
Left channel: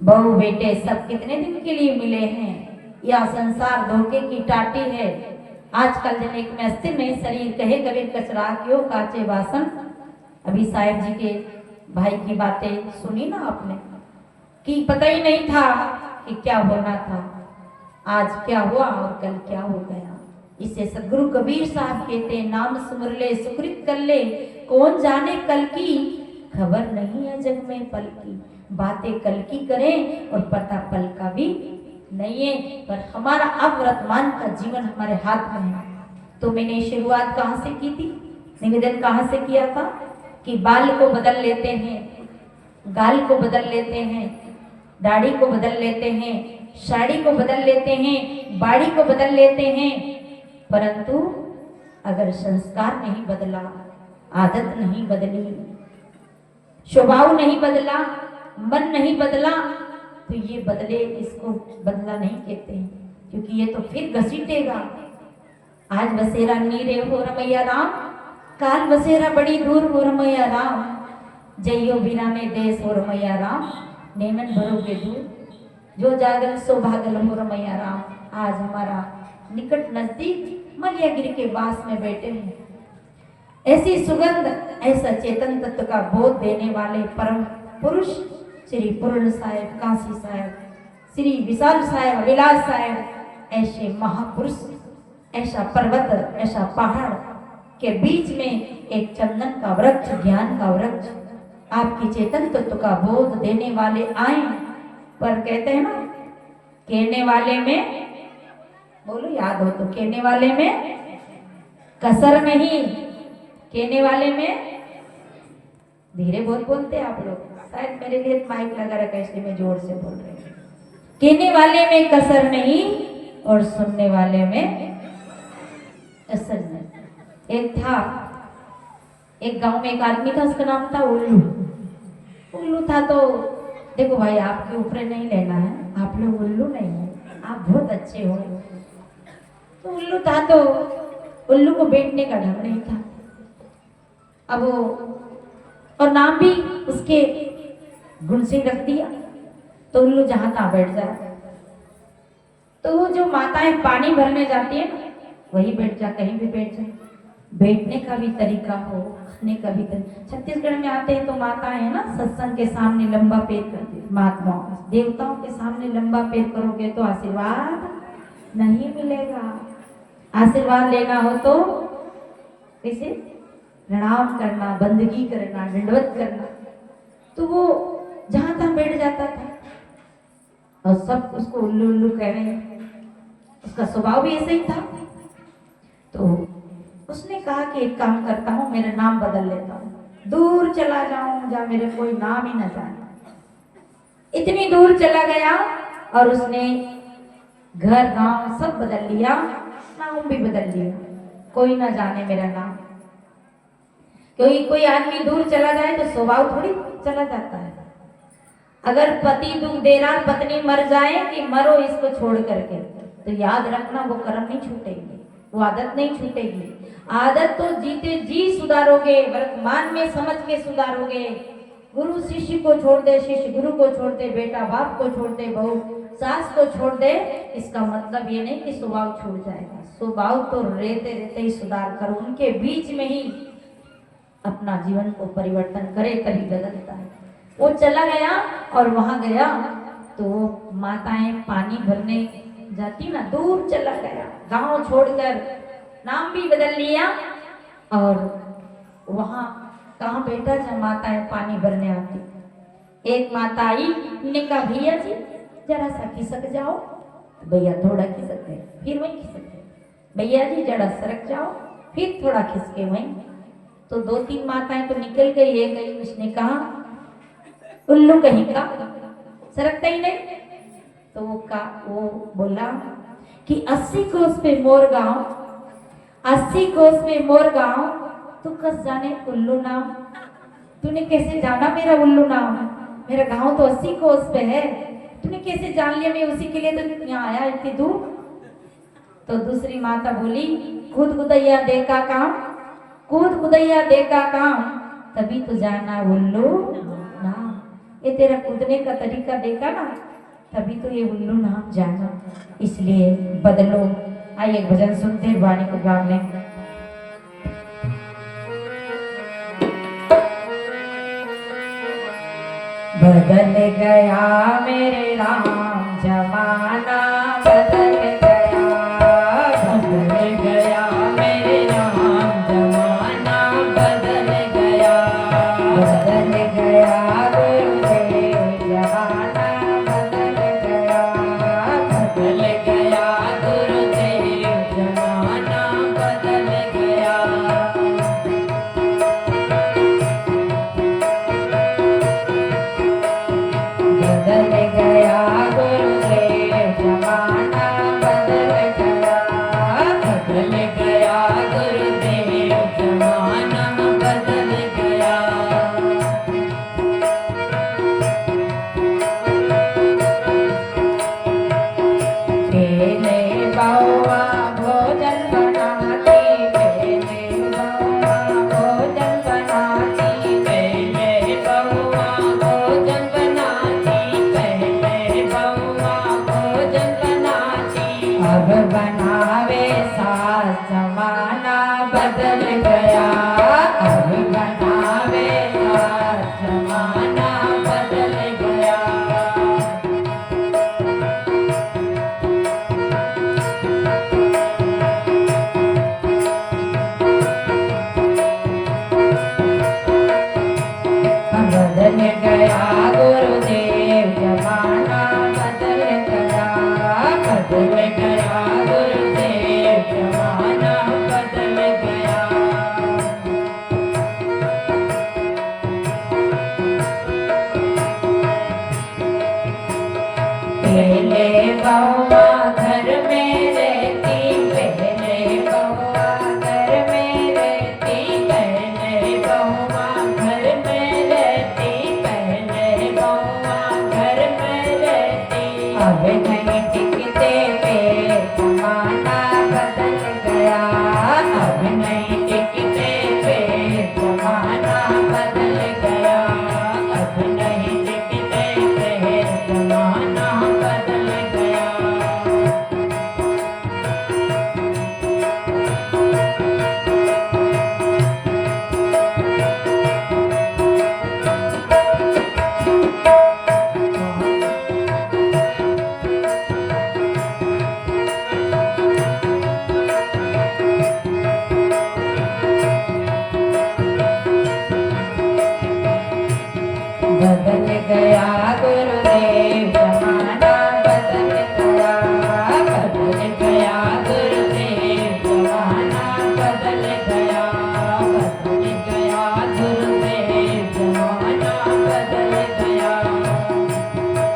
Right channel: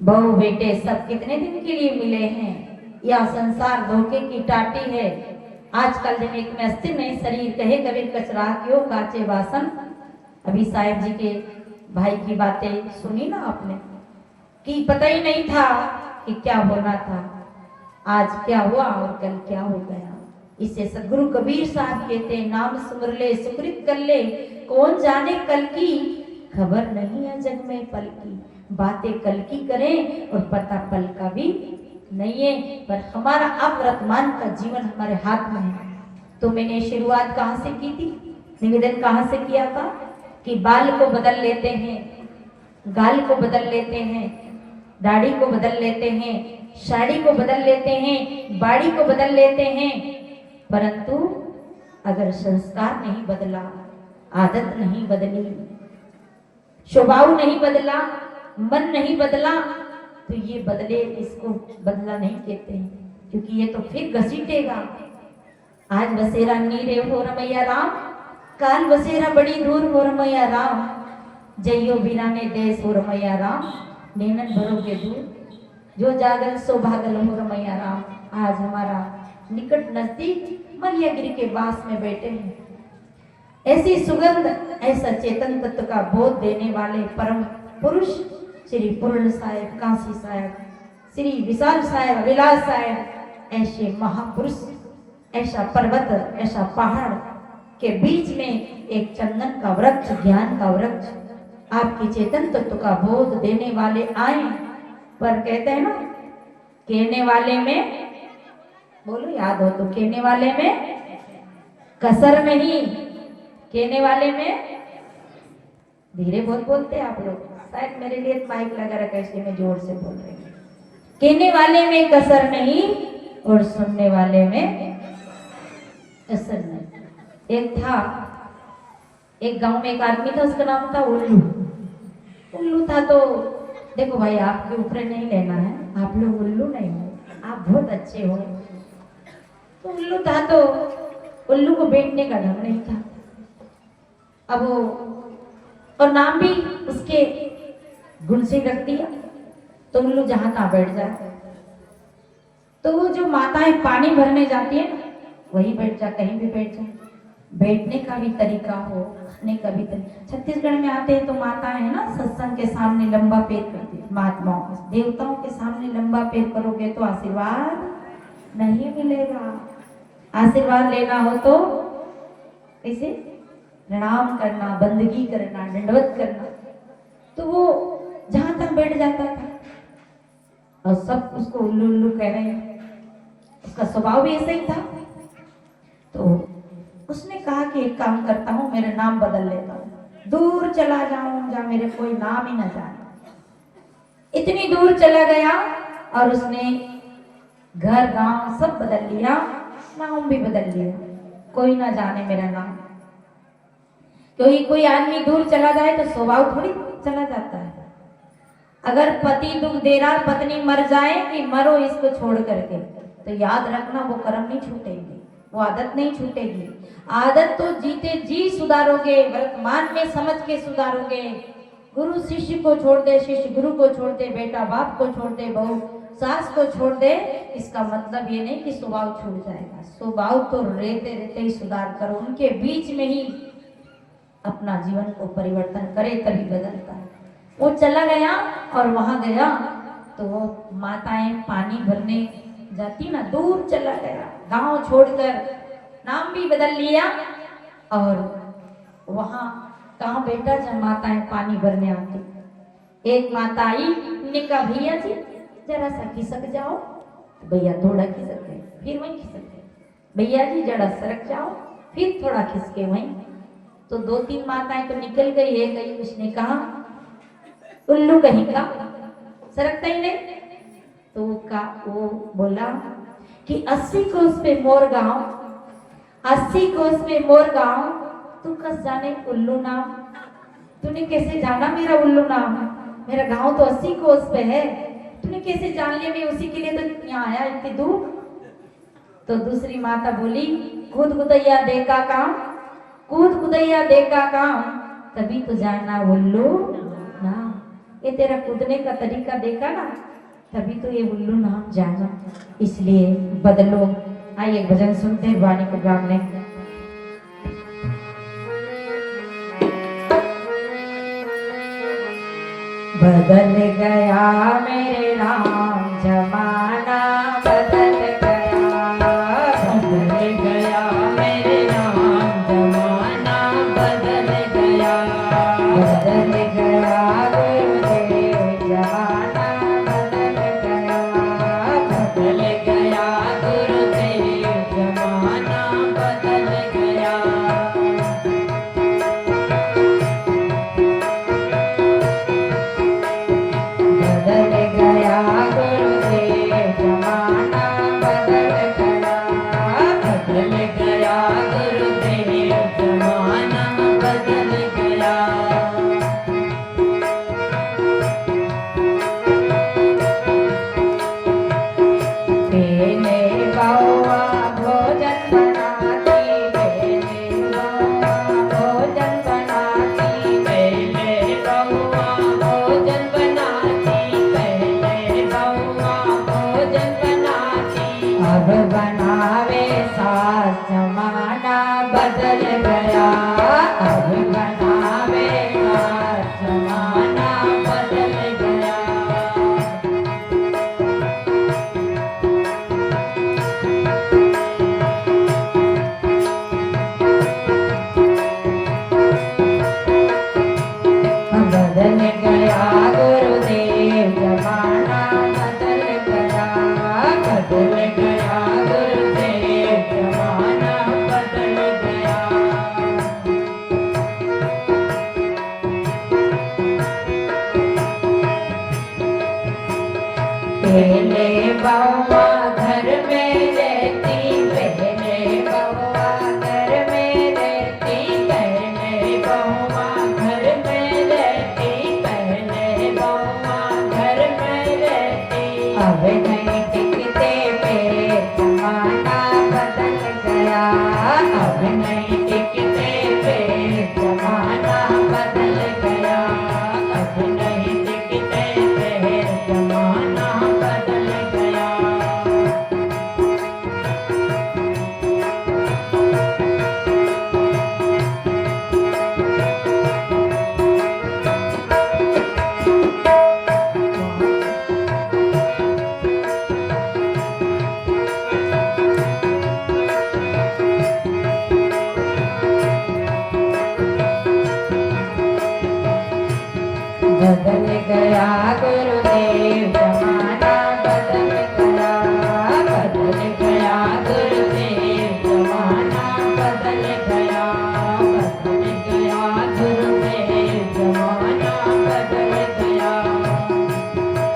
बहू बेटे सब कितने दिन के लिए मिले हैं, या संसार धोखे की टाटी है। आजकल जने में अस्थिर नहीं शरीर, कहे कभी कचरा क्यों काचे वासन। अभी साहिब जी के भाई की बातें सुनी ना आपने, कि पता ही नहीं था कि क्या होना था, आज क्या हुआ और कल क्या हो गया। इससे सदगुरु कबीर साहब कहते हैं, नाम सुमर ले सुकृत कर ले, कौन जाने कल की, खबर नहीं है जग में पल की। बातें कल की करें और पता पल का भी नहीं है, पर हमारा अब वर्तमान का जीवन हमारे हाथ में है। तो मैंने शुरुआत कहाँ से की थी, निवेदन कहाँ से किया था कि बाल को बदल लेते हैं, गाल को बदल लेते हैं, दाढ़ी को बदल लेते हैं, साड़ी को बदल लेते हैं, बाड़ी को बदल लेते हैं, परंतु अगर संस्कार नहीं बदला, आदत नहीं बदली, स्वभाव नहीं बदला, मन नहीं बदला, तो ये बदले, इसको बदला नहीं कहते, क्योंकि ये तो फिर घसीटेगा। आज बसेरा नीरे हो रमैया राम, काल बसेरा बड़ी दूर हो रमैया राम, जइयो बिराने देश हो रमैया राम, नेमन भरोगे दूर, जो जागल सो भागल हो रमैया राम। आज हमारा निकट नजदीक मलियागिरी के बास में बैठे हैं। ऐसी सुगंध, ऐसा चेतन तत्व का बोध देने वाले परम पुरुष श्री पूर्ण साहेब, काशी साहेब, श्री विशाल साहेब, विलास साहेब, ऐसे महापुरुष, ऐसा पर्वत, ऐसा पहाड़ के बीच में एक चंदन का वृक्ष, ज्ञान का वृक्ष। आपकी चेतन तत्व का बोध देने वाले आए, पर कहते हैं ना, कहने वाले में, बोलो याद हो तो, कहने वाले में कसर नहीं, कहने वाले में, धीरे बोलते आप लोग, शायद मेरे लिए माइक लगा रखा है इसलिए मैं जोर से बोल रही हूँ। कहने वाले में कसर नहीं और सुनने वाले में कसर नहीं। एक था, एक गांव में एक आदमी था, उसका नाम था उल्लू। उल्लू था तो देखो भाई, आपके ऊपर नहीं लेना है, आप लोग उल्लू नहीं हो, आप बहुत अच्छे हो। तो उल्लू था तो उल्लू को बैठने का ढंग नहीं था। अब वो, और नाम भी उसके गुण से रख दिया, तो उल्लू जहां तहां बैठ जाए। तो वो जो माताएं पानी भरने जाती है वही बैठ जा, कहीं भी बैठ जा। बैठने का भी तरीका हो, खाने का भी तरीका। छत्तीसगढ़ में आते हैं तो माताएं है ना, सत्संग के सामने लंबा पैर करती है। महात्माओं, देवताओं के सामने लंबा पैर करोगे तो आशीर्वाद नहीं मिलेगा। आशीर्वाद लेना हो तो कैसे? प्रणाम करना, बंदगी करना, दंडवत करना। तो वो जहां तहां बैठ जाता था और सब उसको उल्लू उल्लू कह रहे हैं। उसका स्वभाव भी ऐसा ही था। तो उसने कहा कि एक काम करता हूँ, मेरा नाम बदल लेता हूँ, दूर चला जाऊं जहाँ मेरे कोई नाम ही ना जाने। इतनी दूर चला गया और उसने घर गांव सब बदल लिया, नाम भी बदल लिया, कोई ना जाने मेरा नाम। क्योंकि कोई आदमी दूर चला जाए तो स्वभाव थोड़ी चला जाता है। अगर पति दुख दे रहा, पत्नी मर जाए कि मरो इसको छोड़ करके, तो याद रखना वो कर्म नहीं छूटेगी, वो आदत नहीं छूटेगी। आदत तो जीते जी सुधारोगे, वर्तमान में समझ के सुधारोगे। गुरु शिष्य को छोड़ दे, शिष्य गुरु को छोड़ दे, बेटा बाप को छोड़ दे, बहू सास को छोड़ दे, इसका मतलब ये नहीं कि स्वभाव छूट जाएगा। स्वभाव तो रहते रहते ही सुधार करो, उनके बीच में ही अपना जीवन को परिवर्तन करे, तभी बदलता है। वो चला गया और वहां गया तो माताएं पानी भरने जाती ना, दूर चला गया, गांव छोड़कर, नाम भी बदल लिया। और वहां कहाँ बैठा जहाँ माताएं पानी भरने आती। एक माता आई, ने कहा भैया जी जरा सा खिसक जाओ। भैया थोड़ा खिसक गए, फिर वहीं खिसक गए। भैया जी जरा सरक जाओ, फिर थोड़ा खिसके वहीं। तो दो तीन माताएं तो निकल गई, एक गई, उसने कहा उल्लू कहीं का, सरकता ही नहीं। तो वो बोला कि 80 कोस पे मोर गांव, 80 कोस पे मोर गांव, तू कस जाने उल्लू नाम। तूने कैसे जाना मेरा उल्लू नाम? मेरा गांव तो 80 कोस पे है, तूने कैसे जान लिया? मैं उसी के लिए तो यहाँ आया इतनी दूर। तो दूसरी माता बोली, खुद खुदैया देखा काम, कूद खुदैया देखा काम, तभी तो जाना उल्लू नाम। ये तेरा कूदने का तरीका देखा ना, तभी तो ये उल्लू नाम जाना, इसलिए बदलो। आइए भजन सुनते हैं वाणी के गाँव में। बदल गया मेरे राम जमाना, बदल गया, बदल गया मेरे राम जमाना, बदल गया, बदल गया गुरुदेव जमाना, बदल गया गुरुदेव जमाना, बदल गया। बदल गया अब नहीं टिकते पेड़ जमाना बदल गया अब नहीं टिकते पेड़ जमाना बदल गया बदल गया गुरुदेव जमाना बदल गया बदल गया गुरुदेव जमाना बदल गया बदल गया गुरुदेव जमाना बदल गया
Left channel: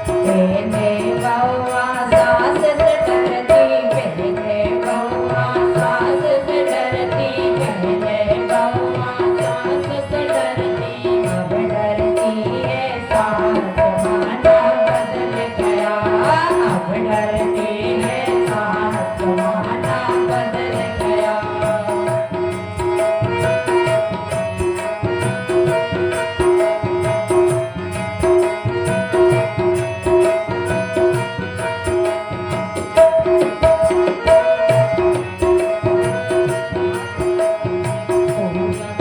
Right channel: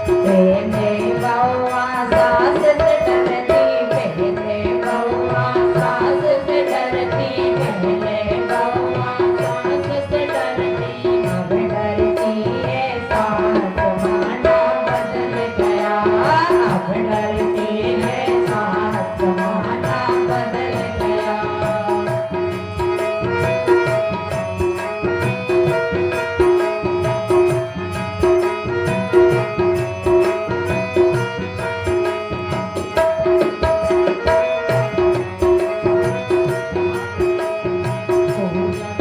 पहले बाबा सास से डरती पहले बाबा सास से डरती पहले बाबा सास से डरती अब डरती है सास जमाना बदल गया अब डरती है सास जमाना बदल गया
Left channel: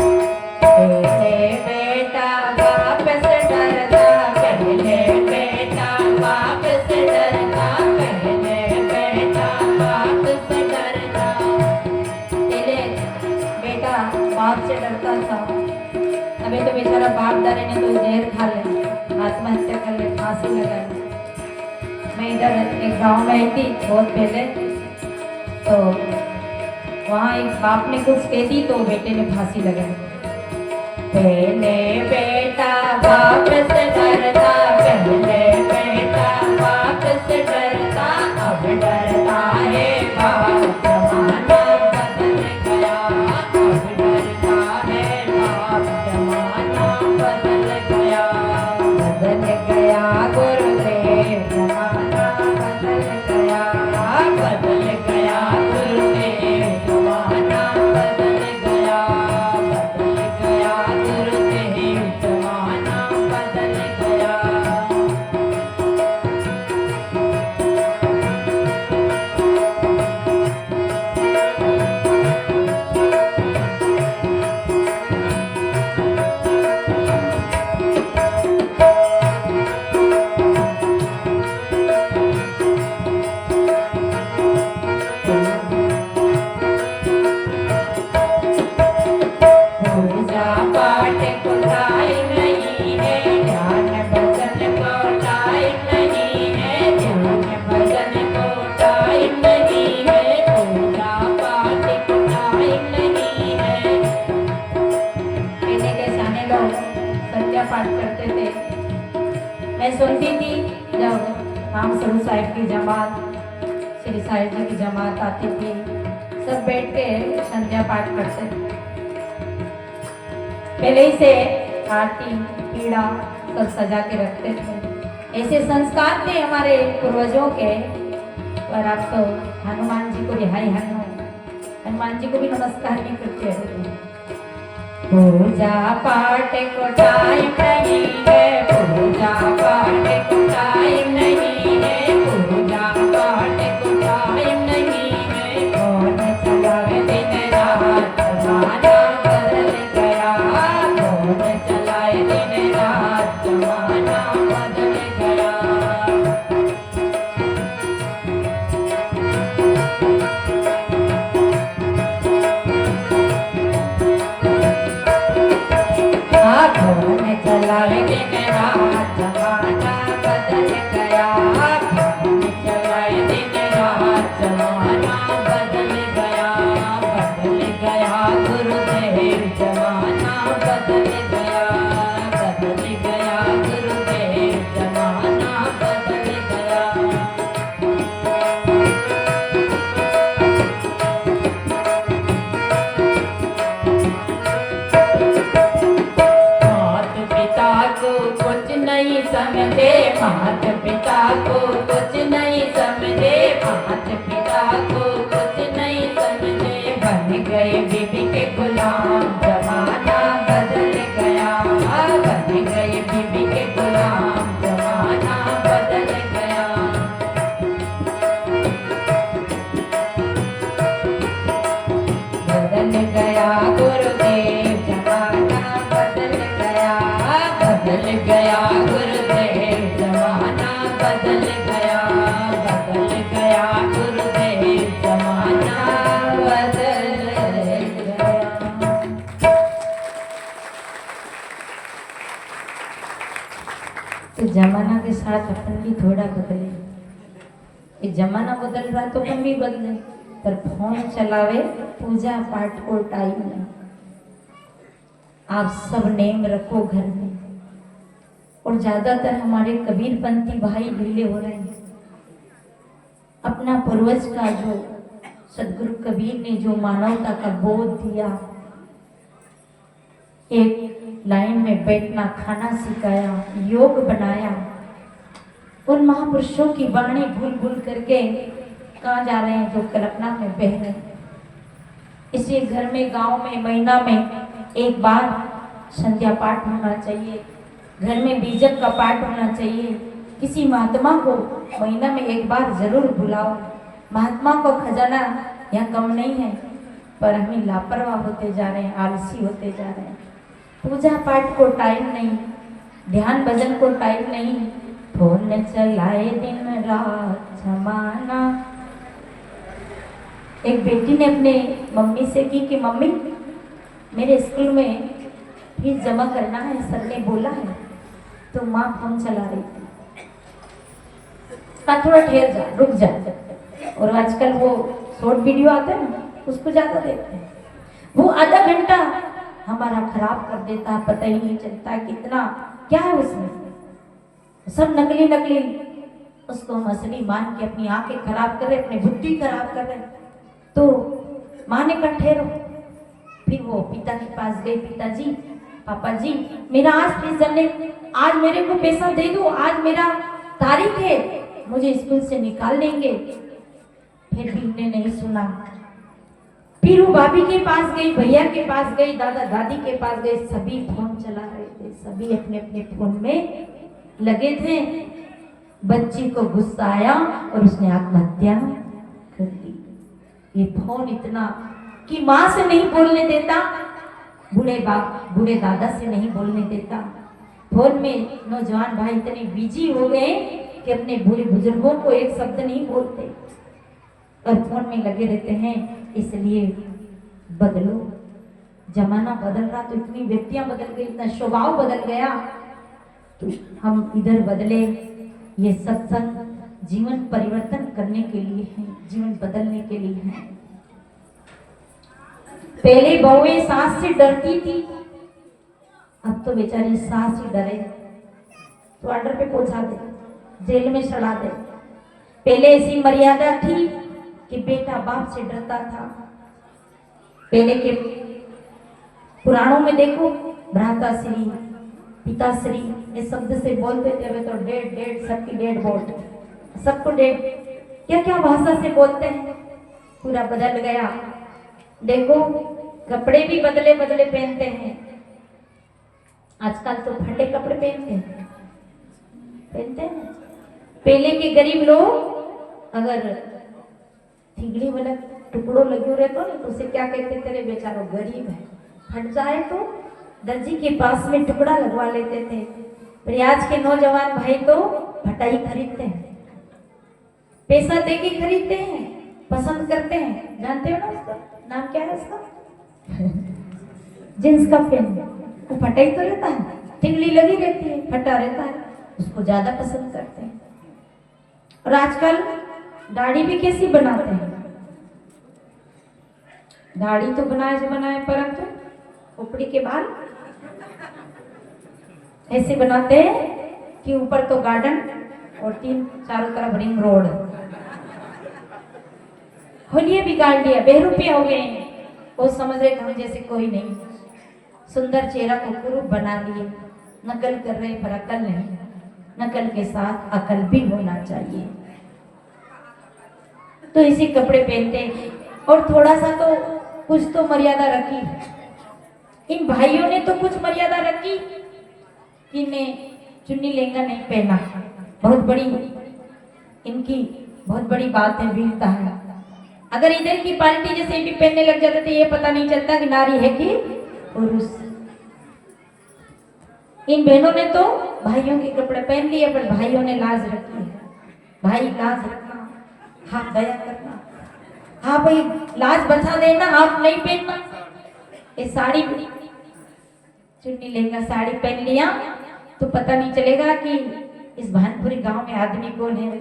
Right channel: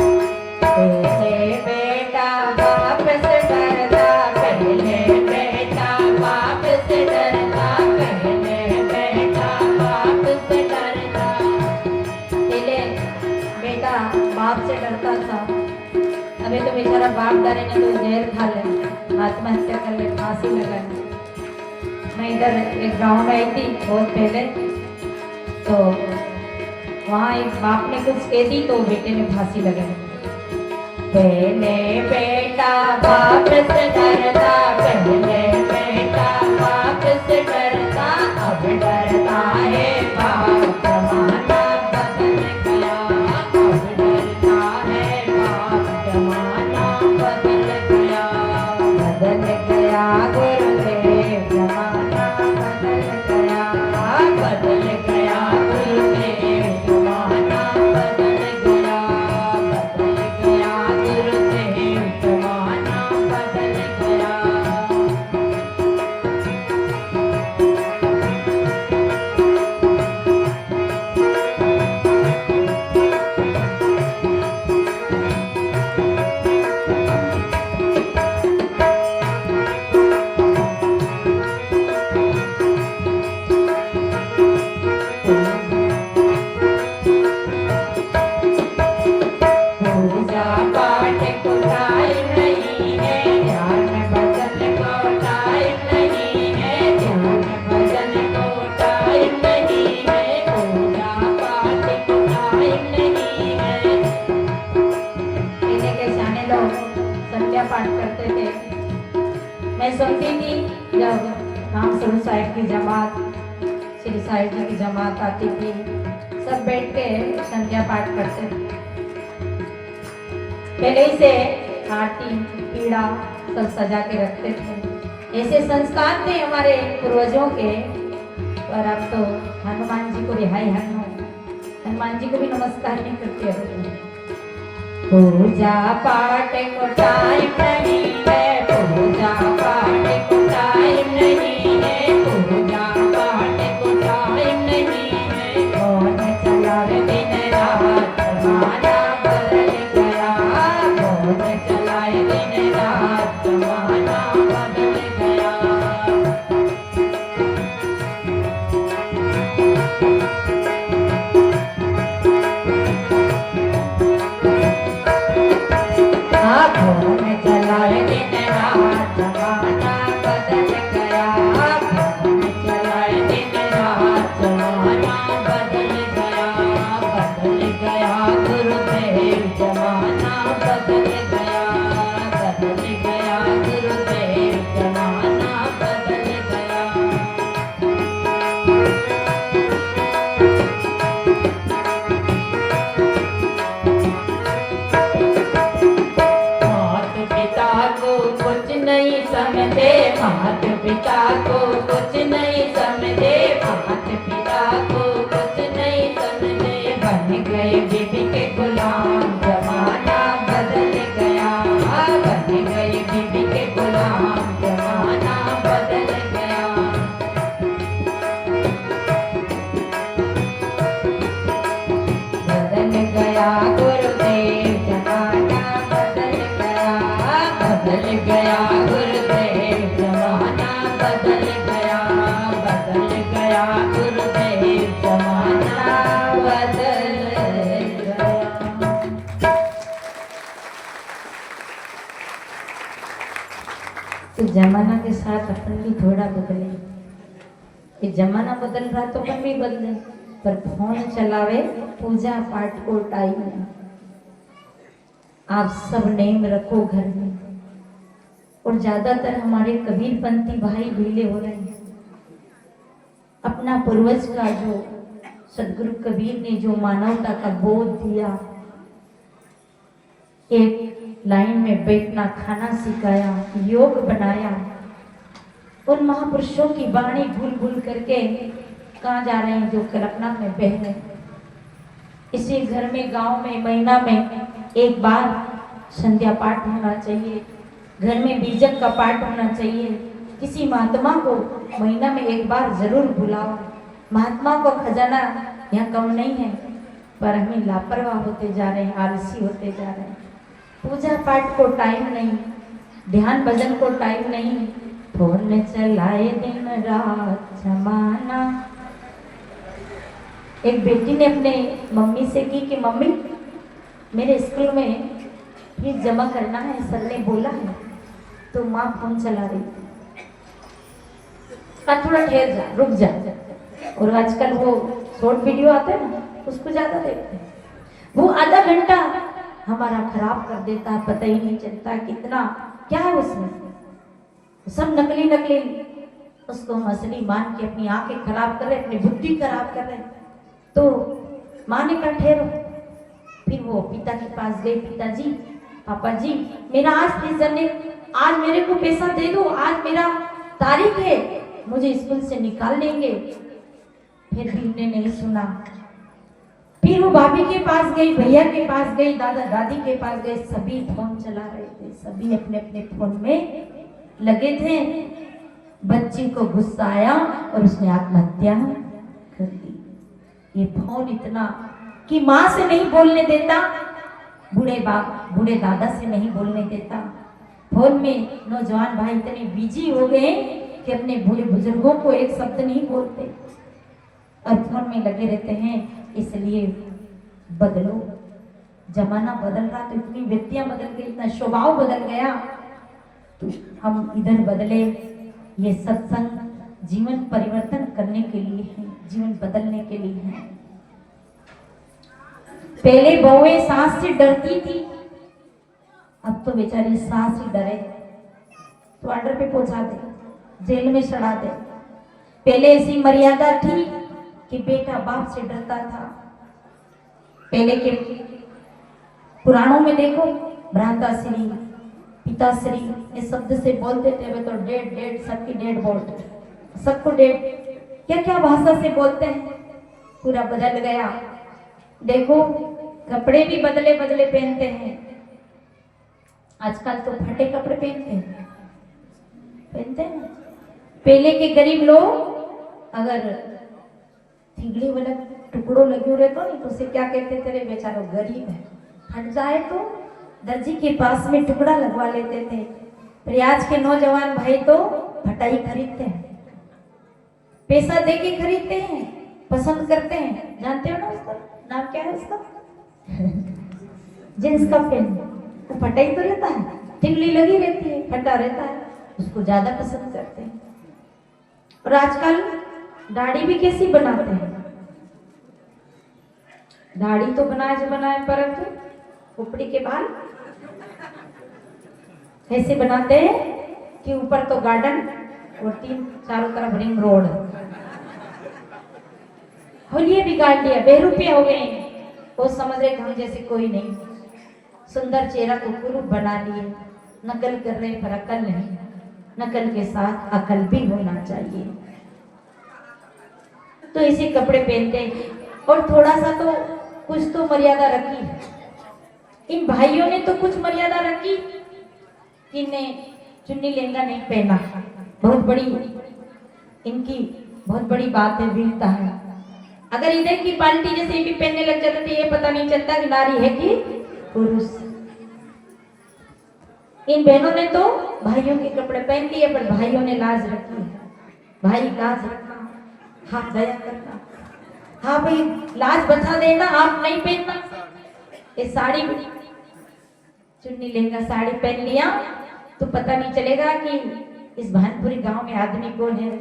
पहले बेटा बाप से डरता पहले बेटा बाप से डरता पहले बेटा बाप से डरता पहले बेटा बाप से डरता था अभी तो बेचारा बाप डरे ने तो जहर खा ले आत्महत्या कर ले फांसी लगा ले मैं इधर एक गांव में आई थी बहुत पहले तो वहाँ एक बाप ने कुछ कह दी तो बेटे ने फांसी लगा दी पहले बेटा बाप से डरता पहले बेटा बाप से डरता अब डरता है बाप जमाना बदल गया अब डरता है बाप जमाना बदल गया गुरुदेव जमाना बदल गया गुरुदेव जमाना बदल गया गुरुदेव जमाना बदल गया पूजा पाठ को टाइम नहीं है ध्यान भजन को टाइम नहीं है ध्यान भजन को टाइम नहीं है पूजा पाठ को टाइम नहीं है पहले के जाने लोग संध्या पाठ करते थे मैं सुनती थी जब नाम सुरू साहिब की जमात श्री साहिब जी की जमात आती थी सब बैठ के संध्या पाठ करते थे पहले ही से आरती पीड़ा सब सजा के रखते थे ऐसे संस्कार थे हमारे पूर्वजों के पर आप तो हनुमान जी को रिहाई हनुमान जी को भी नमस्कार नहीं करते हो पूजा पाठ को टाइम नहीं है पूजा पाठ को टाइम नहीं है पूजा पाठ को टाइम नहीं है कौन चलावे दिन रात जमाना बदल गया कौन चलाए दिन रात जमाना बदल गया कौन चलाए गए बीबी के गुलाम, जमाना बदल गया, बन गए बीबी के गुलाम, जमाना बदल गया। बदल गया गुरुदेव, जमाना बदल गया, बदल गया गुरुदेव, जमाना बदल गया, बदल गया गुरुदेव, जमाना बदल गया। तो जमाना के साथ अपन भी थोड़ा बदले। ये जमाना बदल रहा तो अपन भी बदले, पर फोन चलावे पूजा पाठ को टाइम नहीं। आप सब नेम रखो घर में। और ज्यादातर हमारे कबीरपंथी भाई ढीले हो रहे हैं। अपना पूर्वज का जो सदगुरु कबीर ने जो मानवता का बोध दिया, एक लाइन में बैठना, खाना सिखाया, योग बनाया, उन महापुरुषों की वाणी भूल भूल करके कहाँ जा रहे हैं, जो कल्पना में बह रहे हैं। इसी घर में, गांव में, महीना में एक बार संध्या पाठ होना चाहिए, घर में बीजक का पाठ होना चाहिए। किसी महात्मा को महीना में एक बार जरूर बुलाओ। महात्मा को खजाना यहाँ कम नहीं है, पर हमें लापरवाह होते जा रहे हैं, आलसी होते जा रहे हैं। पूजा पाठ को टाइम नहीं, ध्यान भजन को टाइम नहीं, फोन चलाए दिन रात जमाना। एक बेटी ने अपने मम्मी से की कि मम्मी मेरे स्कूल में फीस जमा करना है, सर ने बोला है। तो माँ फोन चला रही थी, थोड़ा ठहर जा, रुक जा। और आजकल वो शॉर्ट वीडियो आते हैं ना, उसको ज्यादा देखते हैं। वो आधा घंटा हमारा खराब कर देता, पता ही नहीं चलता कितना क्या है उसमें। सब नकली नकली, उसको हम असली मान के अपनी आंखें खराब कर रहे, अपनी बुद्धि खराब कर रहे। तो माँ ने कहा ठहरो। फिर वो पिता के पास गए, पिताजी, पापा जी मेरा आज फीस जमने, आज मेरे को पैसा दे दो, आज मेरा तारीख है, मुझे स्कूल से निकाल लेंगे। फिर भी उन्होंने नहीं सुना। फिर वो भाभी के पास गई, भैया के पास गई, दादा दादी के पास गए, सभी फोन चला रहे थे, सभी अपने अपने फोन में लगे थे। बच्ची को गुस्सा आया और उसने आत्महत्या कर दी। ये फोन इतना कि माँ से नहीं बोलने देता, बूढ़े दादा से नहीं बोलने देता। फोन में नौजवान भाई इतने बिजी हो गए कि अपने बूढ़े बुजुर्गों को एक शब्द नहीं बोलते और फोन में लगे रहते हैं। इसलिए बदलो, जमाना बदल रहा तो इतनी वृत्तियां बदल गई, इतना स्वभाव बदल गया, तो हम इधर बदले। ये सत्संग जीवन परिवर्तन करने के लिए है, जीवन बदलने के लिए है। पहले बहुएं सास से डरती थी, अब तो बेचारी सास ही डरे तो ऑर्डर पे पहुंचा दे, जेल में सड़ा दे। पहले ऐसी मर्यादा थी कि बेटा बाप से डरता था। पहले के पुराणों में देखो, भ्राताश्री, पिताश्री, ये शब्द से बोलते थे। वे तो डेड डेड, सबकी डेड बोलते, सबको डेड, क्या क्या भाषा से बोलते हैं। पूरा बदल गया। देखो कपड़े भी बदले बदले पहनते हैं। आजकल तो फटे कपड़े पहनते हैं। पहले के गरीब लोग अगर थिगड़ी वाला टुकड़ों लगे रहते तो उसे क्या कहते थे, बेचारा गरीब है, फट जाए तो दर्जी के पास में टुकड़ा लगवा लेते थे। पर आज के नौजवान भाई तो फटाई खरीदते हैं, पैसा दे के खरीदते हैं, पसंद करते हैं। जानते हो ना उसका नाम क्या है? उसका जींस का पेन, वो फटाई तो रहता है, टिकली लगी रहती है, फटा रहता है, उसको ज्यादा पसंद करते हैं। और आजकल दाढ़ी भी कैसी बनाते हैं? दाढ़ी तो बनाए जो बनाए, परंतु ऊपरी के बाल ऐसे बनाते हैं कि ऊपर तो गार्डन और चारों तरफ रिंग रोड। होलिया बिगाड़ लिया, बेरुपये हो गए। वो समझ रहे हम जैसे कोई नहीं, सुंदर चेहरा को क्रूर बना लिए, नकल कर रहे पर अकल नहीं। नकल के साथ अकल भी होना चाहिए। तो इसी कपड़े पहनते और थोड़ा सा तो कुछ तो मर्यादा रखी है। इन भाइयों ने तो कुछ मर्यादा रखी कि इन्हें चुन्नी लहंगा नहीं पहना। बहुत बड़ी इनकी बहुत बड़ी बात है, वीरता है। अगर इधर की पार्टी जैसे भी पहनने लग जाते तो ये पता नहीं चलता कि नारी है कि पुरुष। इन बहनों ने तो भाइयों के कपड़े पहन लिए, पर भाइयों ने लाज रखी है। भाई लाज रखना, हाथ दया करना, हाँ भाई लाज बचा देना, आप नहीं पहनना। ये साड़ी चुन्नी लहंगा साड़ी पहन लिया तो पता नहीं चलेगा कि इस भानपुरी गांव में आदमी कौन है,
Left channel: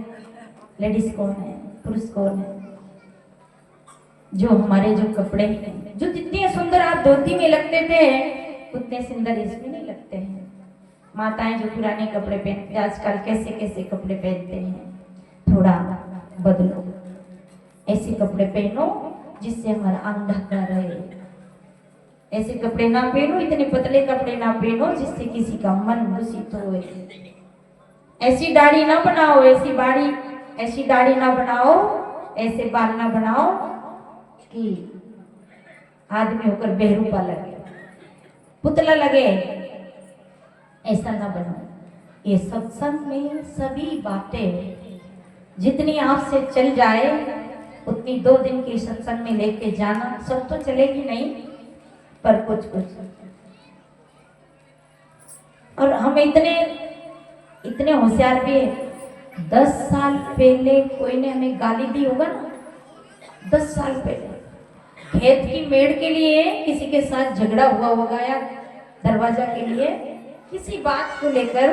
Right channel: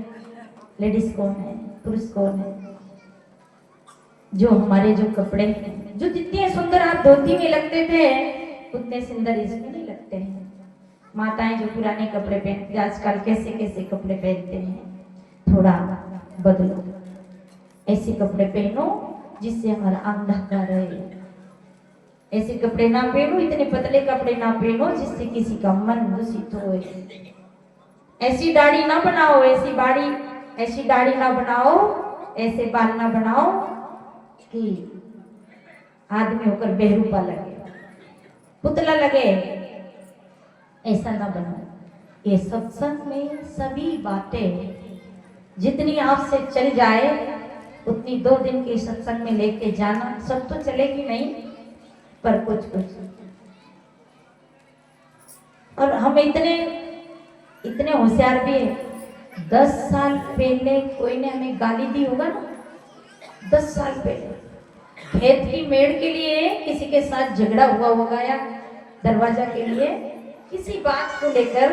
लेडीज कौन है, पुरुष कौन है। जो हमारे जो कपड़े हैं, जो जितने सुंदर आप धोती में लगते थे उतने सुंदर इसमें नहीं लगते हैं। माताएं जो पुराने कपड़े पहनती आजकल कैसे कैसे कपड़े पहनते हैं, थोड़ा बदलो, ऐसे कपड़े पहनो जिससे हमारा अंग ढका रहे। ऐसे कपड़े ना पहनो, इतने पतले कपड़े ना पहनो जिससे किसी का मन दूषित हो। ऐसी दाढ़ी ना बनाओ, ऐसी दाढ़ी ना बनाओ, ऐसे बाल ना बनाओ कि आदमी होकर बेहरूपा लगे, पुतला लगे। ऐसा ना बनो। ये सत्संग में सभी बातें जितनी आपसे चल जाए उतनी 2 दिन के सत्संग में लेके जाना। सब तो चलेगी नहीं, पर कुछ कुछ। और हम इतने होशियार भी है। 10 साल पहले कोई ने हमें गाली दी होगा ना, 10 साल पहले खेत की मेड़ के लिए किसी के साथ झगड़ा हुआ होगा, या दरवाजा के लिए किसी बात को लेकर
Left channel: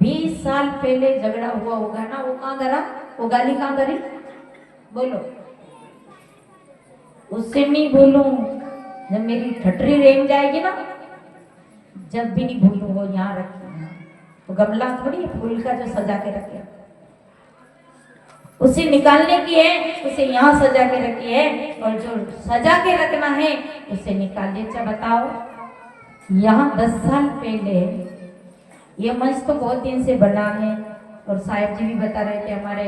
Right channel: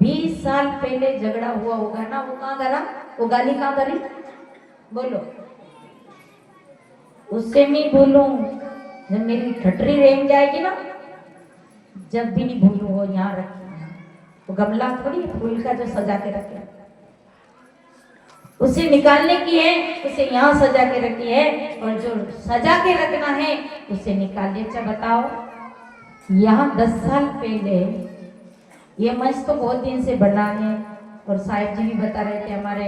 20 साल पहले झगड़ा हुआ होगा ना। वो कहाँ धरा, वो गाली कहाँ धरी, बोलो। उससे नहीं भूलूं, जब मेरी ठटरी रेंग जाएगी ना, जब भी नहीं भूलूं। वो यहाँ रखी, वो गमला थोड़ी फूल का जो सजा के रखे, उसे निकालने की है, उसे यहाँ सजा के रखी है। और जो सजा के रखना है उसे निकालिए। अच्छा बताओ, यहाँ 10 साल पहले ये मंच तो बहुत दिन से बना है। और साहिब जी भी बता रहे थे, हमारे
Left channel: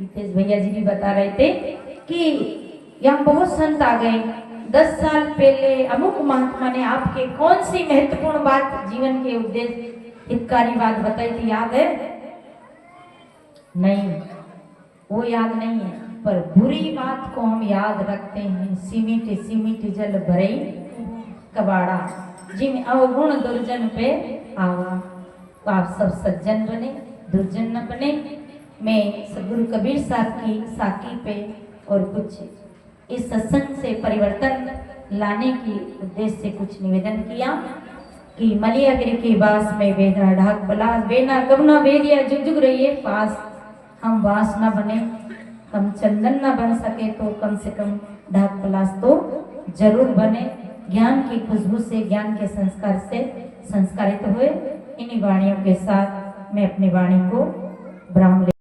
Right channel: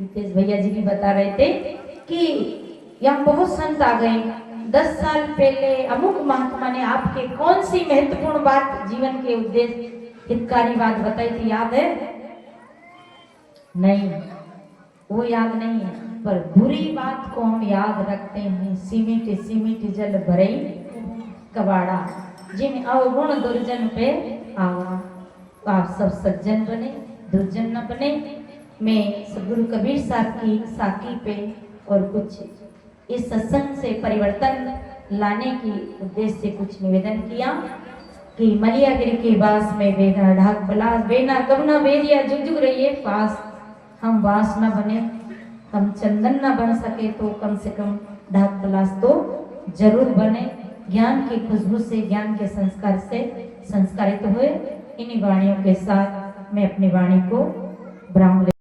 हितेश भैया जी भी बता रहे थे कि यहाँ बहुत संत आ गए। 10 साल पहले अमुक महात्मा ने आपके कौन सी महत्वपूर्ण बात, जीवन के उद्देश्य हितकारी बात बताई थी, याद है? नहीं, वो याद नहीं है, पर बुरी बात को हम याद रखते हैं। सीमित जल भरे कबाड़ा, जिन अवगुण दुर्जन पे आवा। तो आप सब सज्जन बने, दुर्जन न बने। मैं सदगुरु कबीर साहब की साकी पे और कुछ इस सत्संग से परिवर्तन लाने की उद्देश्य से कुछ निवेदन किया कि मलियागिरी के बास में वेदा ढाक बलास बेना कवना बेरिया जुग जुग रहिए पास। हम बास न बने, हम चंदन न बन सके तो कम से कम ढाक बलास तो जरूर बने। ज्ञान की खुशबू से, ज्ञान के संस्कार से संस्कारित हुए। इन्हीं वाणियों के साथ मैं अपनी वाणी को ब्राह्मण